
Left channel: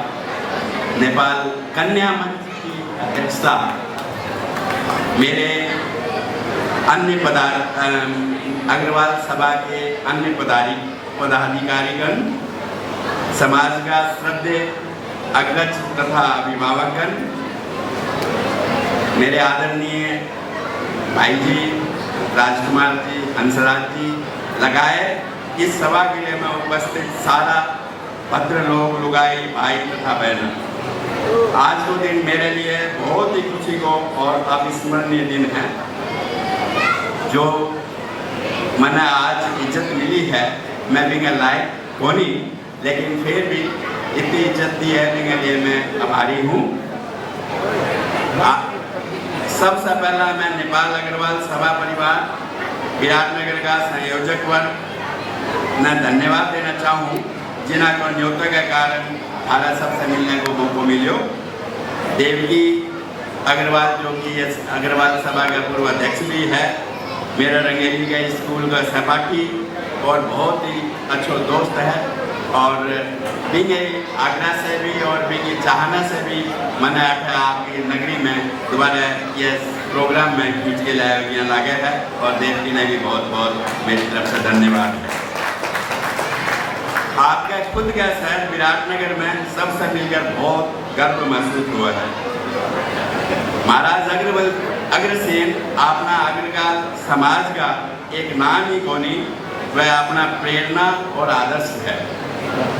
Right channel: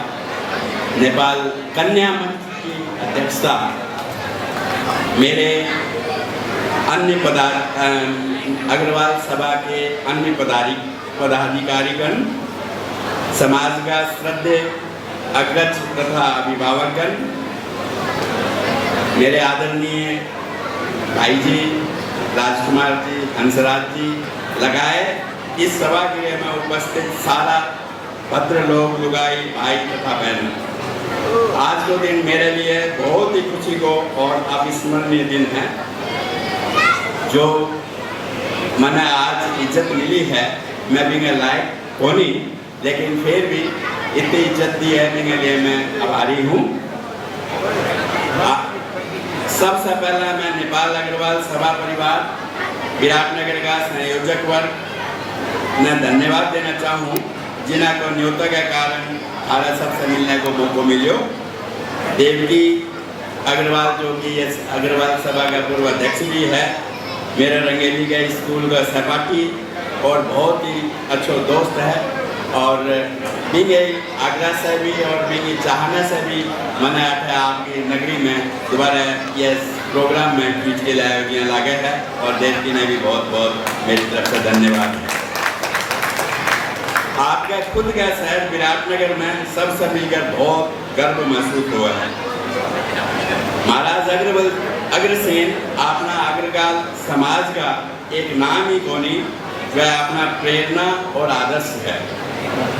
नेपाल कन्या मंच की अध्यक्षता मेरे अन्य अग्रवाल सभा के अन्य पदाधिकारीगण, समाज का श्रद्धेय अग्रज तथा अभिभावकगण, मेरे आदरणीय भाई जी राजकुमार जी, हंसराज जी लगाए इस सभा के लिए मैं उपस्थित सारा भद्र लोग, लुगाई, भाई तथा बहन, आज को दिन मेरे लिए बहुत ही खुशी को और अविस्मरणीय दिन है। जो मैंने आज इज्जत मिली है, मैं भी लायक होनी, लेकिन फिर भी इतनी इज्जत दी है मेरे लिए, मैं आभारी हूँ। सबसे पहला मैं नेपाल अग्रवाल सभा परिवार विराटनगर का संयोजक वर्ग मैं धन्यवाद देना चाहूँ, जिन्हें को न्योता के कारण आला सबसे मिलने को मौका मिलो। देवकी अग्रवाल जो कि अग्रवाल सभा का पूर्व अध्यक्ष भी है, मेरा रंगेली के स्कूल का सहपाठी और बहुत ही अच्छा दोस्त है, और बिंगे आगरा से भी और बिंगे चाहना से भी मैंने आपकी नगरी में दोबारा ये प्रोग्राम में खींच के लाया लागे है, और देवकी ने भी बहुत बहुत मेरी तरफ से धन्यवाद है। आपके खुद का शहर विराटनगर में सबसे मिलकर बहुत गर्व महसूस हुआ है। महाराज अग्रसेन अपना अग्रकाल समाज का एक नाम ही कोनी, वह अपना प्रेरणा और आदर्श है।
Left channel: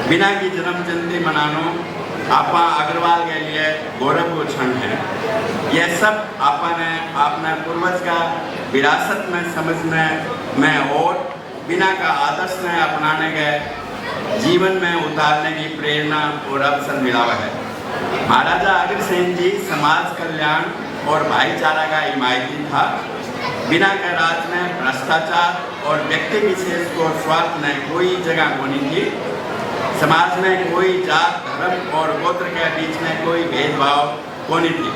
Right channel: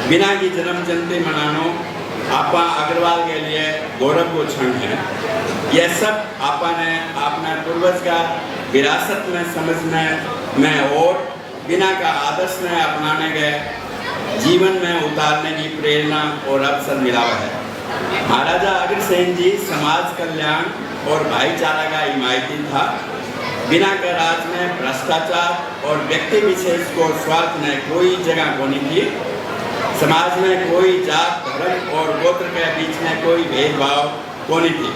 बिना की जन्म जयंती मनानो आपा अग्रवाल के लिए गौरव को क्षण है। यह सब आपा ने अपना पूर्वज का विरासत में समझने में और बिना का आदर्श में अपनाने गए जीवन में उतारने की प्रेरणा और अवसर मिला है। महाराजा अग्रसेन जी समाज कल्याण और भाईचारा का हिमायती था। बिना के राज में भ्रष्टाचार और व्यक्ति विशेष को स्वार्थ में कोई जगह होनी थी। समाज में कोई जात, धर्म और गोत्र के बीच में कोई भेदभाव होनी थी।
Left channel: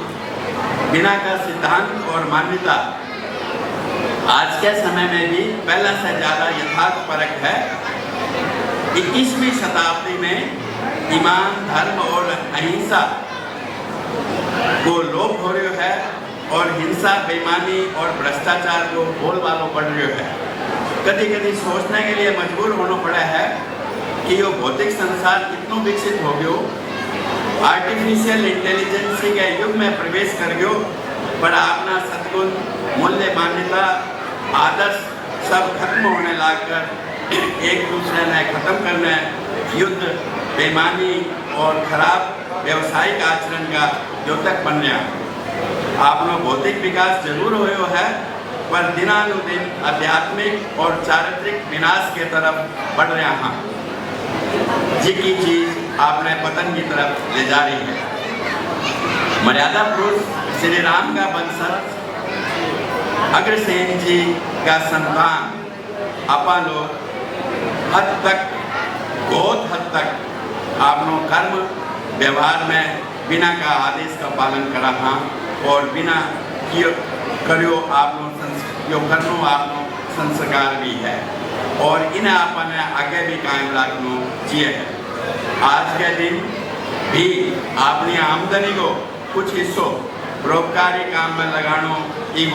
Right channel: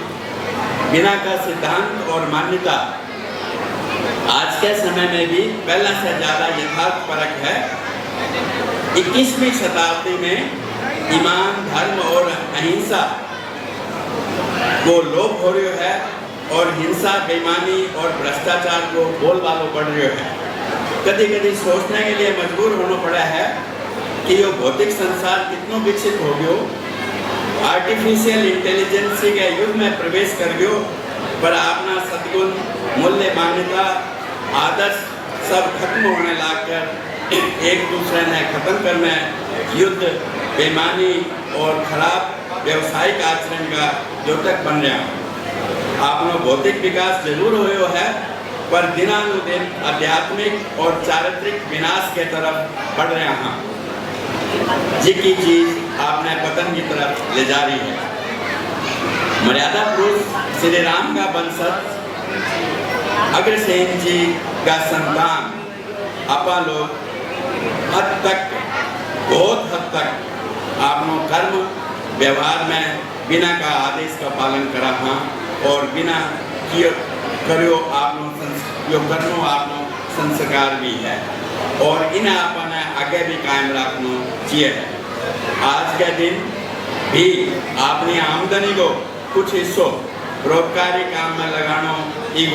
बिना का सिद्धांत और मान्यता आज के समय में भी पहले से ज्यादा यथार्थ परक है। 21वीं शताब्दी में ईमान, धर्म और अहिंसा को लोप हो रही है, और हिंसा, बेईमानी और भ्रष्टाचार को बोलबालो पड़ रही है। कभी कभी सोचने के लिए मजबूर होना पड़ा है कि ये भौतिक संसार कितना विकसित हो गयो, आर्टिफिशियल इंटेलिजेंस के युग में प्रवेश कर गयो, पर अपना सद्गुण, मूल्य, मान्यता, आदर्श सब खत्म होने लगकर एक दूसरे ने खत्म करने, युद्ध, बेईमानी और खराब व्यवसायिक आचरण का द्योतक बन रहा। आपनो भौतिक विकास जरूर हुआ है, पर दिनानुदिन आध्यात्मिक और चारित्रिक विनाश के तरफ बढ़ रहे हैं, जिसकी चीज आपने पतन की तरफ ले जा रही है। मर्यादा पुरुष श्री राम का वंशज अग्रसेन जी का संतान आपा लोग बहुत हद तक आपनो कर्म व्यवहार में बिना का आदेश का पालन करा था, और बिना करियो आपनो संस्कार भी है, और इन्हें अपने आगे भी कायम रखना चाहिए। आज के दिन भी अपनी आमदनी को कुछ हिस्सों परोपकारी काम में लगाना एक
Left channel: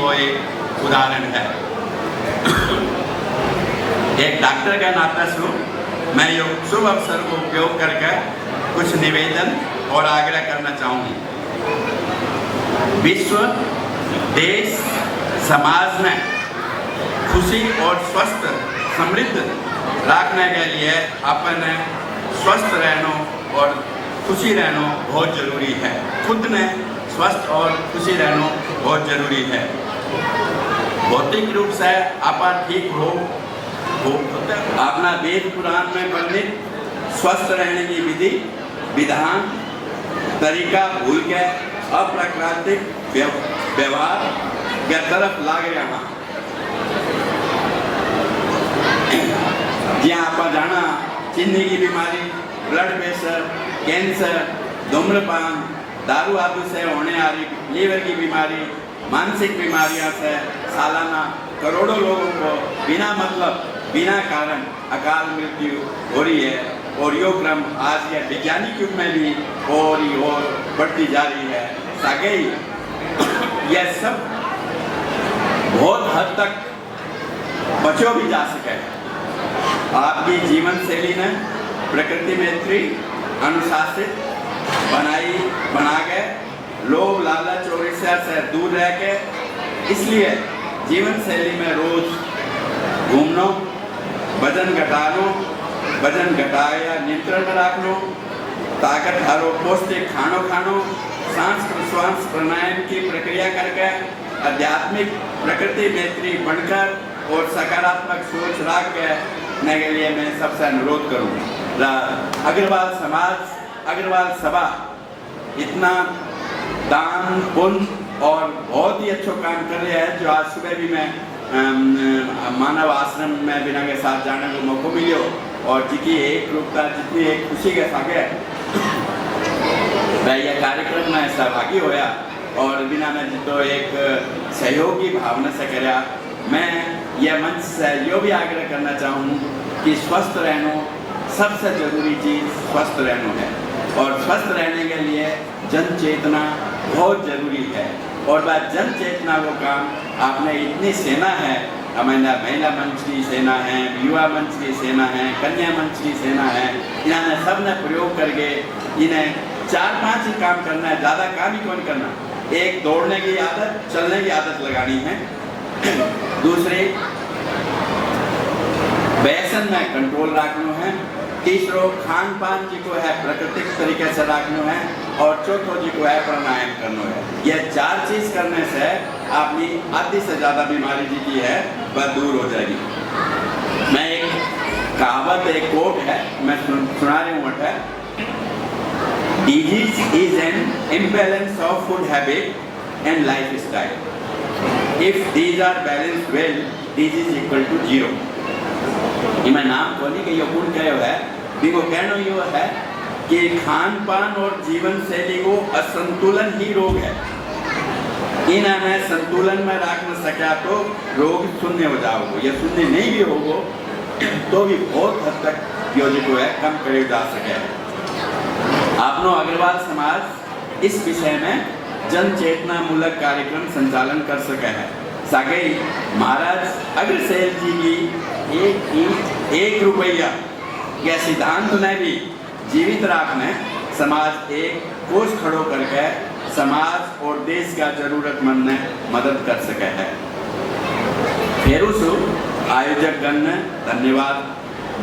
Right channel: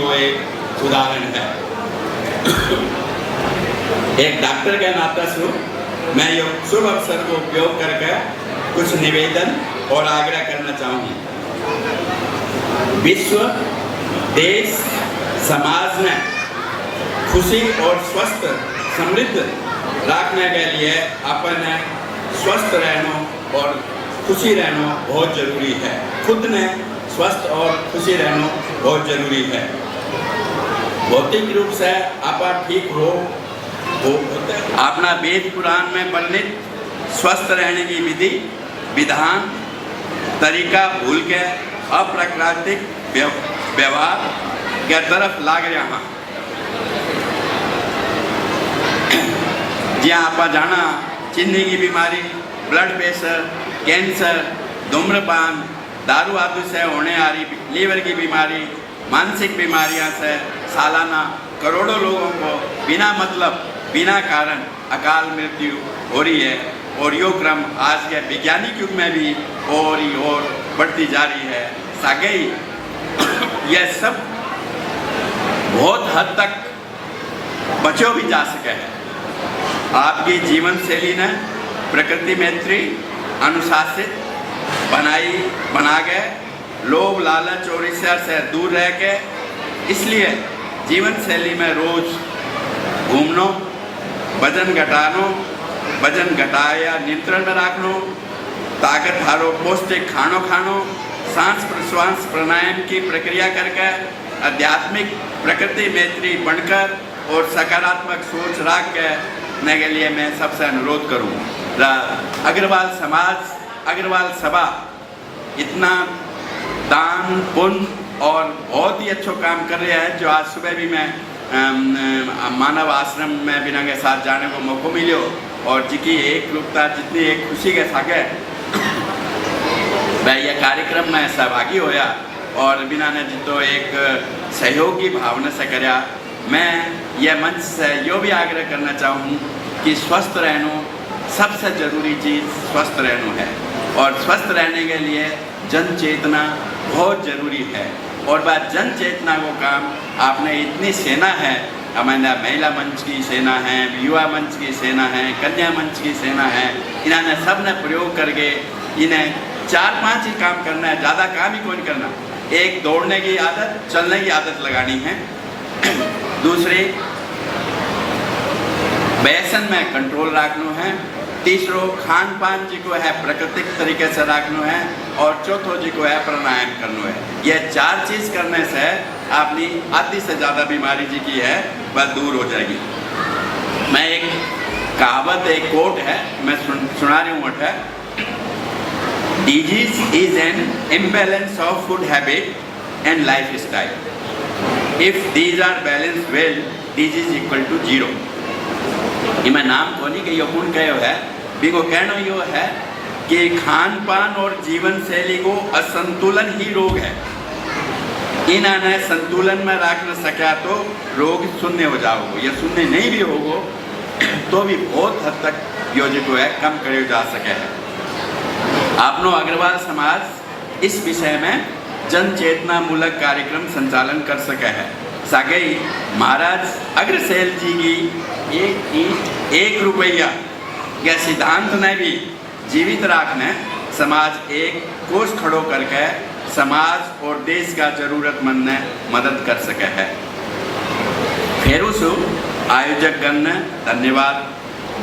उदाहरण है। एक डॉक्टर के नाते मैं ये शुभ अवसर को उपयोग करके कुछ निवेदन और आग्रह करना चाहूँगी। विश्व, देश, समाज में खुशी और स्वस्थ समृद्ध रखने के लिए अपने स्वस्थ रहना और खुशी रहना बहुत जरूरी है। खुद ने स्वस्थ और खुशी रहना बहुत जरूरी है। भौतिक रूप से आप ठीक हो, अपना वेद पुराण में वर्णित स्वस्थ रहने की विधि विधान तरीका भूल के अप्राकृतिक व्यवहार के तरफ लाग रहा। જ્યાં આપણા જાણા ચીની की बीमारी, ब्लड प्रेशर, कैंसर, धूम्रपान, दारू आदि से होने वाली लीवर की बीमारी, मानसिक बीमारियां से सालाना करोड़ों लोगों को बिना मतलब बिना कारण अकाल मृत्यु हो रही है। और यो क्रम आज के वैज्ञानिक युग में भी और बढ़ती जा रही है। सागे यह सब बहुत हद तक बचो भी जा सके है। आपकी जीवन शैली ने प्रकृति मैत्री अनुशासित बना गए, लोभ लालच और ईर्ष्या से दूर रह के, इसलिए जीवन शैली में रोज घूमनो, वजन घटाया नियंत्रण में रखनो, ताकत हारो पौष्टिक खानो, सांस प्रश्वास प्राणायाम की प्रक्रिया करके आध्यात्मिक प्रकृति मैत्री बनकर और सकारात्मक सोच रख के के लिए मैं सबसे अनुरोध करूँ। अग्रवाल समाज, अग्रवाल सभा इतना दान पुण्य और बहुत ही अच्छा काम कर रहे हैं, जो आज सुबह भी मैं मानव आश्रम में बिना के साथ जाने को मौका मिलो और जिकी एक रूपता जितनी एक खुशी के सागे मैं यह कार्यक्रम में सहभागी होया और बिना ने तो एक सहयोग की भावना से कराया। मैं यह मंच से यो भी आग्रह करना चाहूँ कि स्वस्थ रहना सबसे जरूरी चीज़ स्वस्थ रहना है और स्वस्थ रहने के लिए जन चेतना बहुत जरूरी है। और बात जन चेतना वो काम आपने इतनी सेना है, हमारा महिला मंच की सेना है, युवा मंच की सेना है, कन्या मंच की सेना है, इन्होंने सब ने प्रयोग करके इन्हें 4-5 ही काम करना है, ज़्यादा काम ही कौन करना। एक दौड़ने की आदत, चलने की आदत लगानी है। दूसरी व्यसन में कंट्रोल रखना है। तीसरो खान पान जी को है प्राकृतिक तरीके से रखना है और चौथो जी को है प्राणायाम करना है। ये 4 चीज करने से अपनी आधी से ज्यादा बीमारी जी की है वह दूर हो जाएगी। मैं एक कहावत, एक कोट है, मैं सुना रही हूँ। Disease is an imbalance of food habit and life style. If these are balance well, disease equal to 0। मैं नाम को नहीं कही पूर्ण कहो है, बिको कहना यो है कि खान पान और जीवन शैली को असंतुलन ही रोग है। इन्हें संतुलन में रख न सका तो रोग शून्य हो जाओगे, या शून्य नहीं भी होगो तो भी बहुत हद तक यो जो है कम करे जा सके। आपनो अग्रवाल समाज इस विषय में जन चेतना मूलक कार्यक्रम संचालन कर सके है। सागे महाराज अग्रसेन जी की एक रुपया के सिद्धांत में भी जीवित रखने समाज एक कोष खड़ो करके समाज और देश का जरूरतमंद ने मदद कर सके है। फिर उस आयोजक गण ने धन्यवाद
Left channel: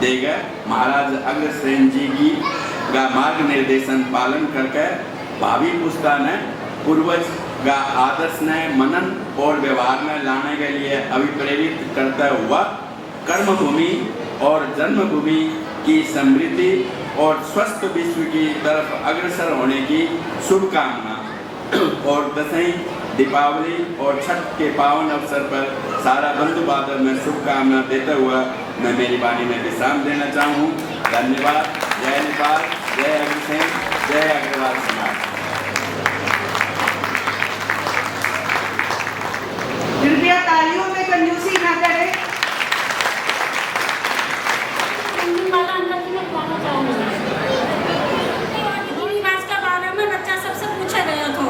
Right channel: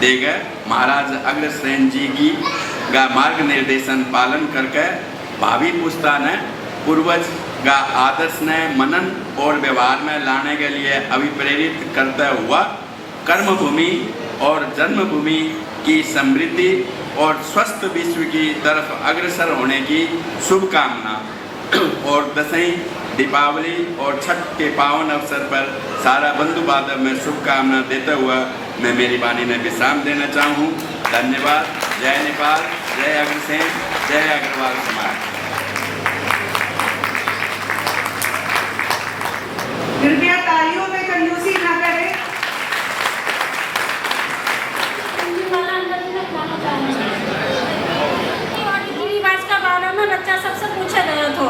देगा। महाराज अग्रसेन जी की का मार्ग निर्देशन पालन करके भावी पुस्ता ने पूर्वज का आदर्श ने मनन और व्यवहार में लाने के लिए अभिप्रेरित करता हुआ कर्मभूमि और जन्मभूमि की समृद्धि और स्वस्थ विश्व की तरफ अग्रसर होने की शुभकामना और दसवीं दीपावली और छठ के पावन अवसर पर सारा बंधु बांधव में शुभकामना देते हुआ मैं मेरी वाणी में विश्राम देना चाहूँ। धन्यवाद। जय नेपाल, जय अग्रसेन, जय अग्रवाल समाज। कृपया तालियों में कंजूसी ना करें। का बारे में बच्चा सबसे पूछा गया था।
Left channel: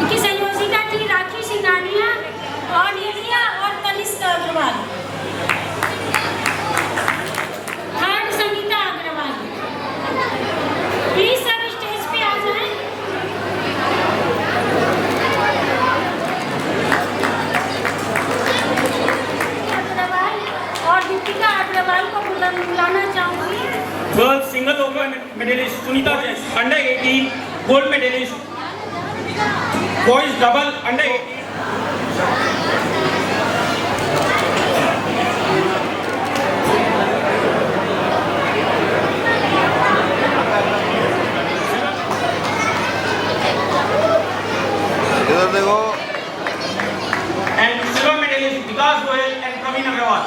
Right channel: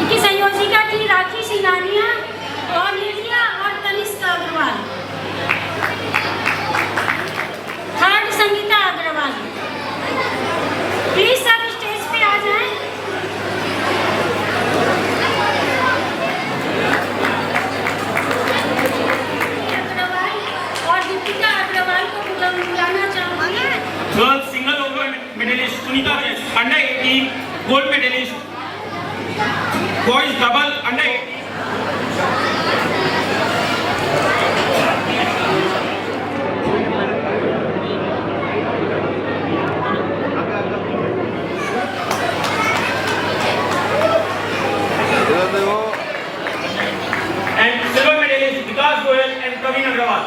इनकी संयोजिका थी राखी सिंघानिया और निर्मया और तनिष्का अग्रवाल। थर्ड संगीता अग्रवाल। प्लीज सब स्टेज पे आ जाएं। अग्रवाल और दीपिका अग्रवाल को बुलाना चाहूंगी। Girls single over medalist Sunita Jain, under 18 gold medalist. Boys double under and silver medalist Vikas Goyal and Praveen Agrawal.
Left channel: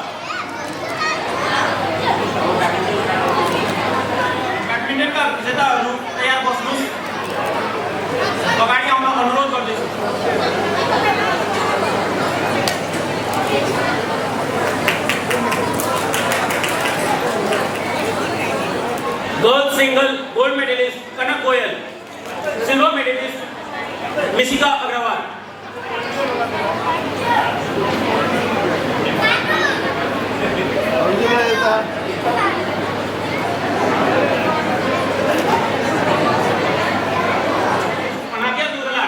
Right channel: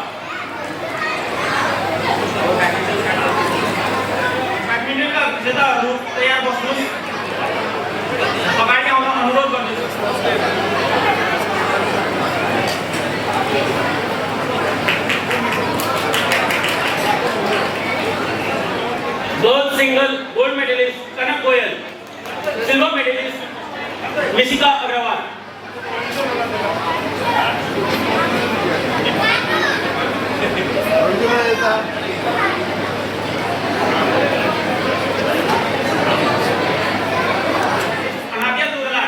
Single gold medalist Kanak Goyal, silver medalist Nishika Agrawal. Anadhya Durga,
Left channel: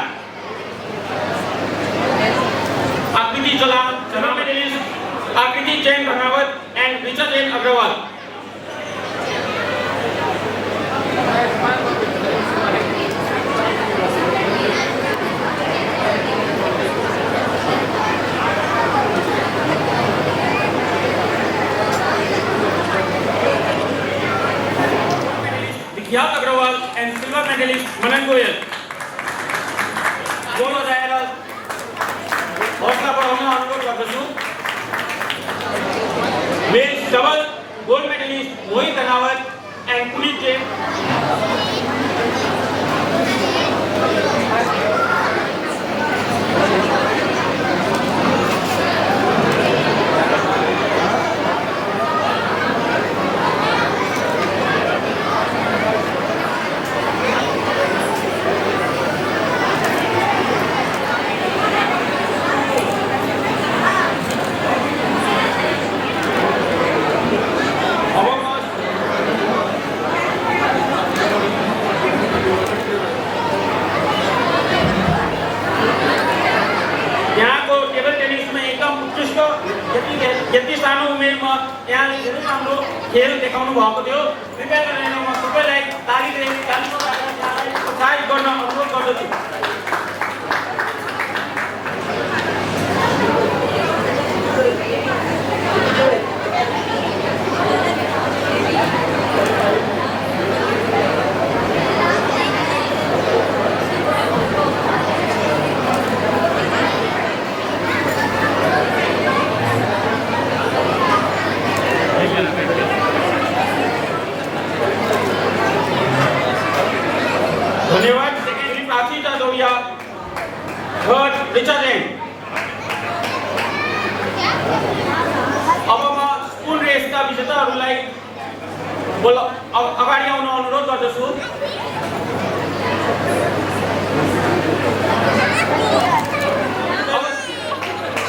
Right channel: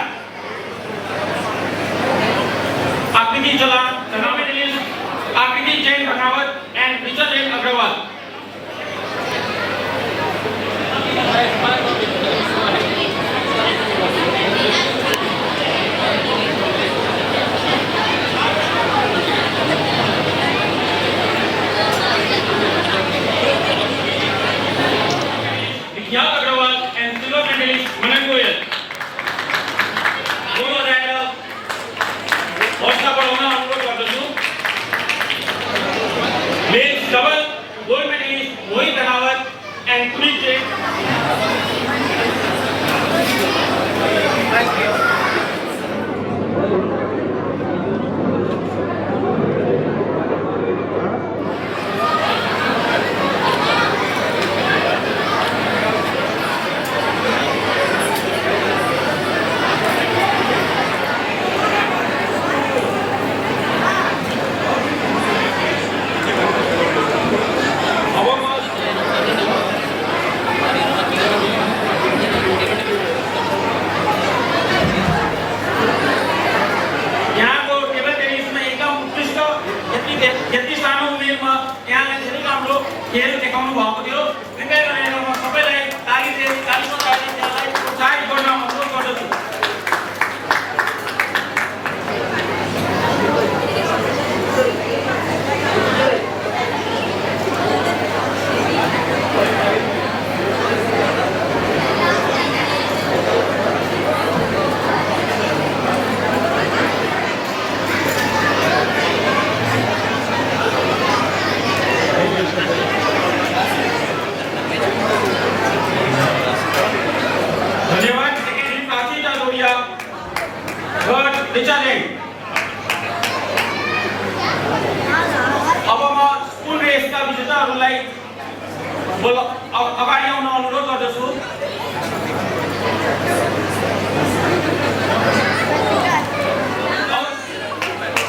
Aakriti Jalal, silver medalist Aakriti Jain Ramawat and Richard L Agrawal. Vikhyat Agrawal and silver medalist Manan Goyal. दोनों rider हौसला बढ़ाना अनुरोध करता हूँ। Men's double gold medalist Mohit Anawat and Puneet Jain.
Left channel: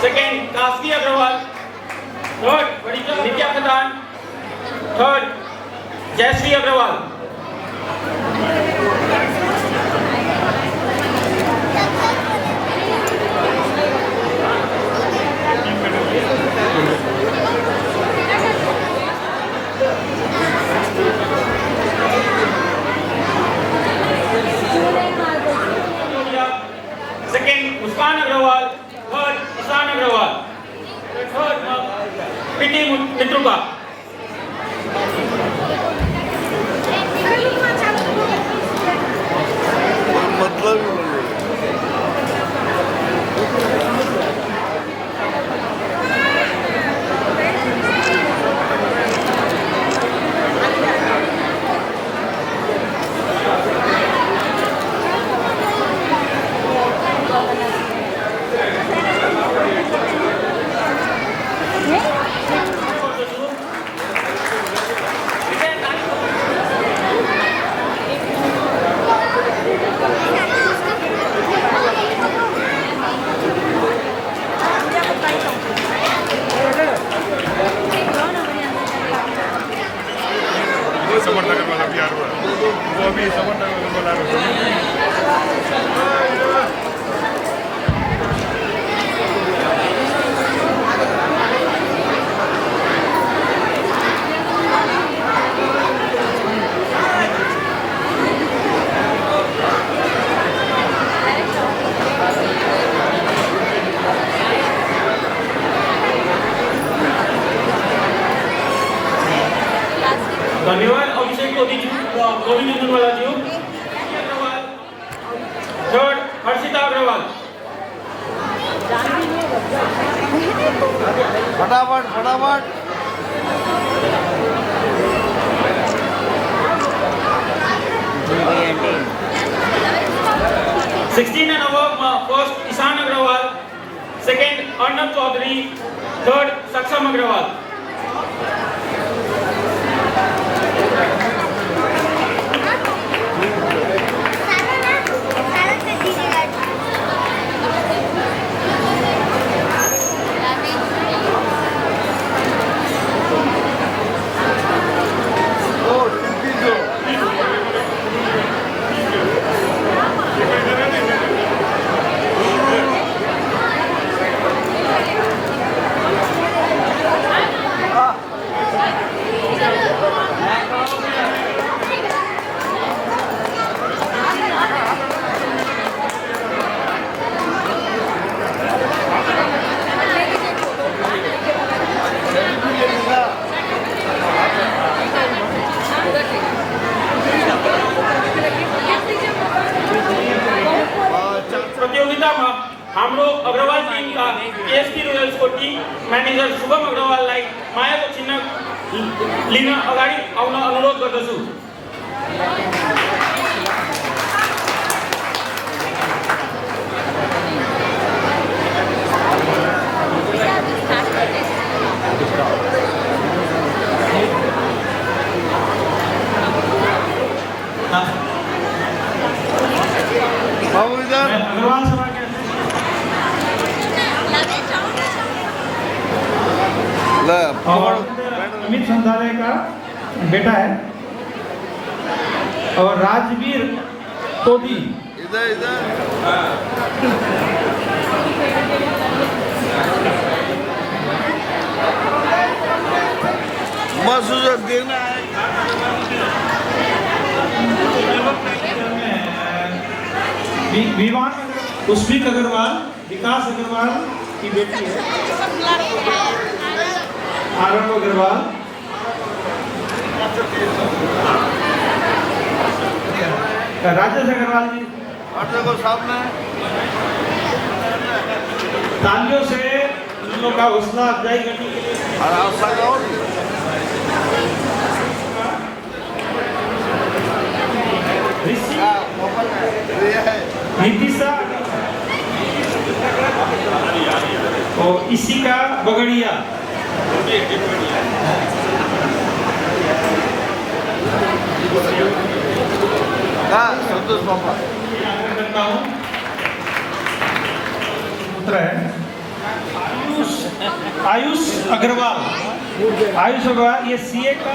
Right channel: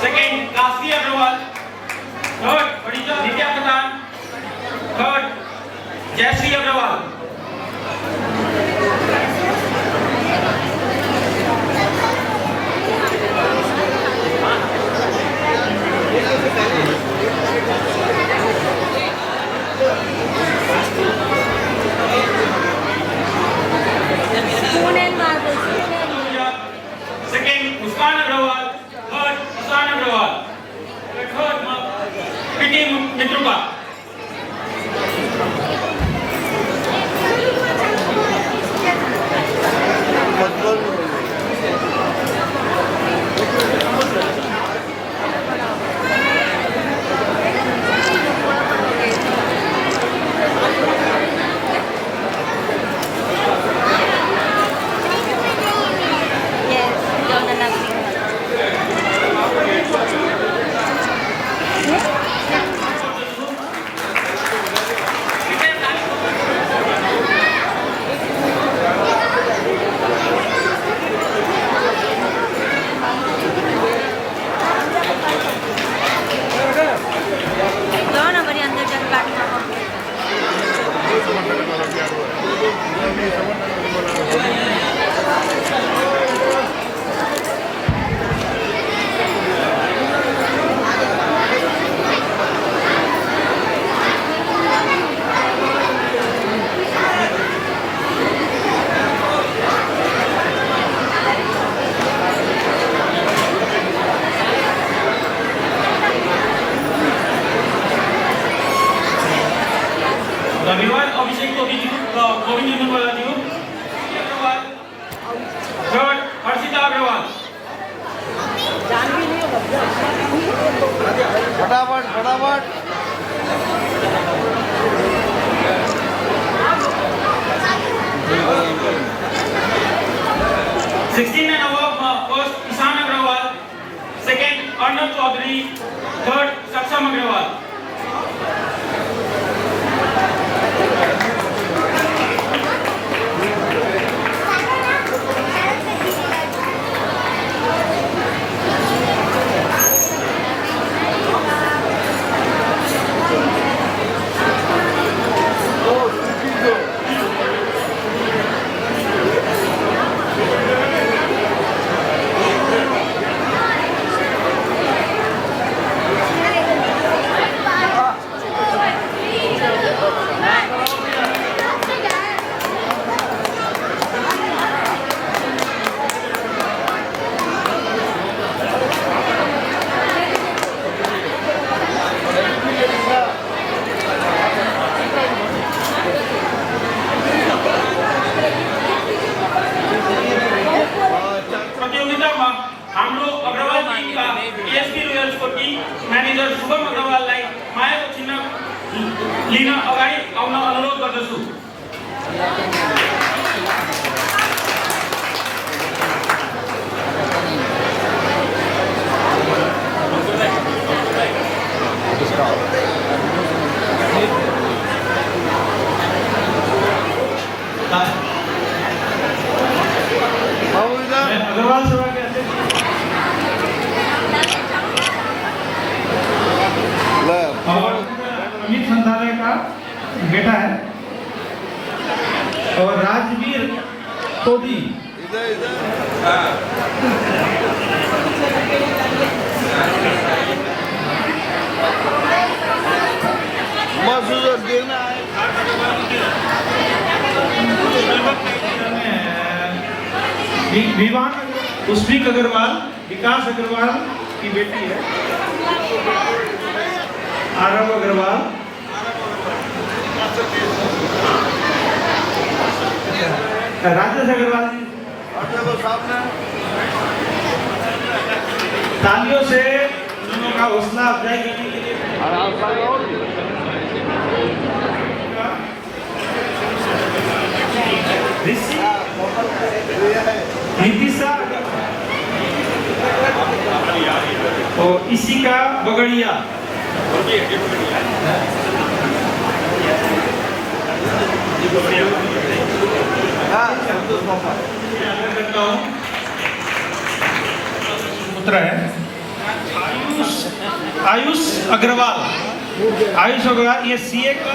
Second, Kaski Agarwal. Third, Nitya Pradhan. Third, Jayashree Agarwal. Second, Muskan Agarwal. Third, Ishan Agarwal. Third, Vicky Mitruka. धन्यवाद अभिषेक Govind Nirmala ji. Third, Harshita Agarwal. फटाफट फटाफट। 16 and above, first Ishan Agarwal, second Arnav Chaudhary, third Saksam Agarwal. આવવાનો અનુરોધ કરું છું। अग्रवाल सभा के और अमित संधारे का बेटा है और राजवीर तोदी विवान पुष्पिक अग्रवाल विकास अग्रवाल की बेटी है। आरव अग्रवाल राजेश अग्रवाल जी तालियों से उन लोगों का हौसला अफजाई करने के लिए नीतिशा और इसी का बगड़िया पुत्र है आयुष अग्रवाल ये सीए का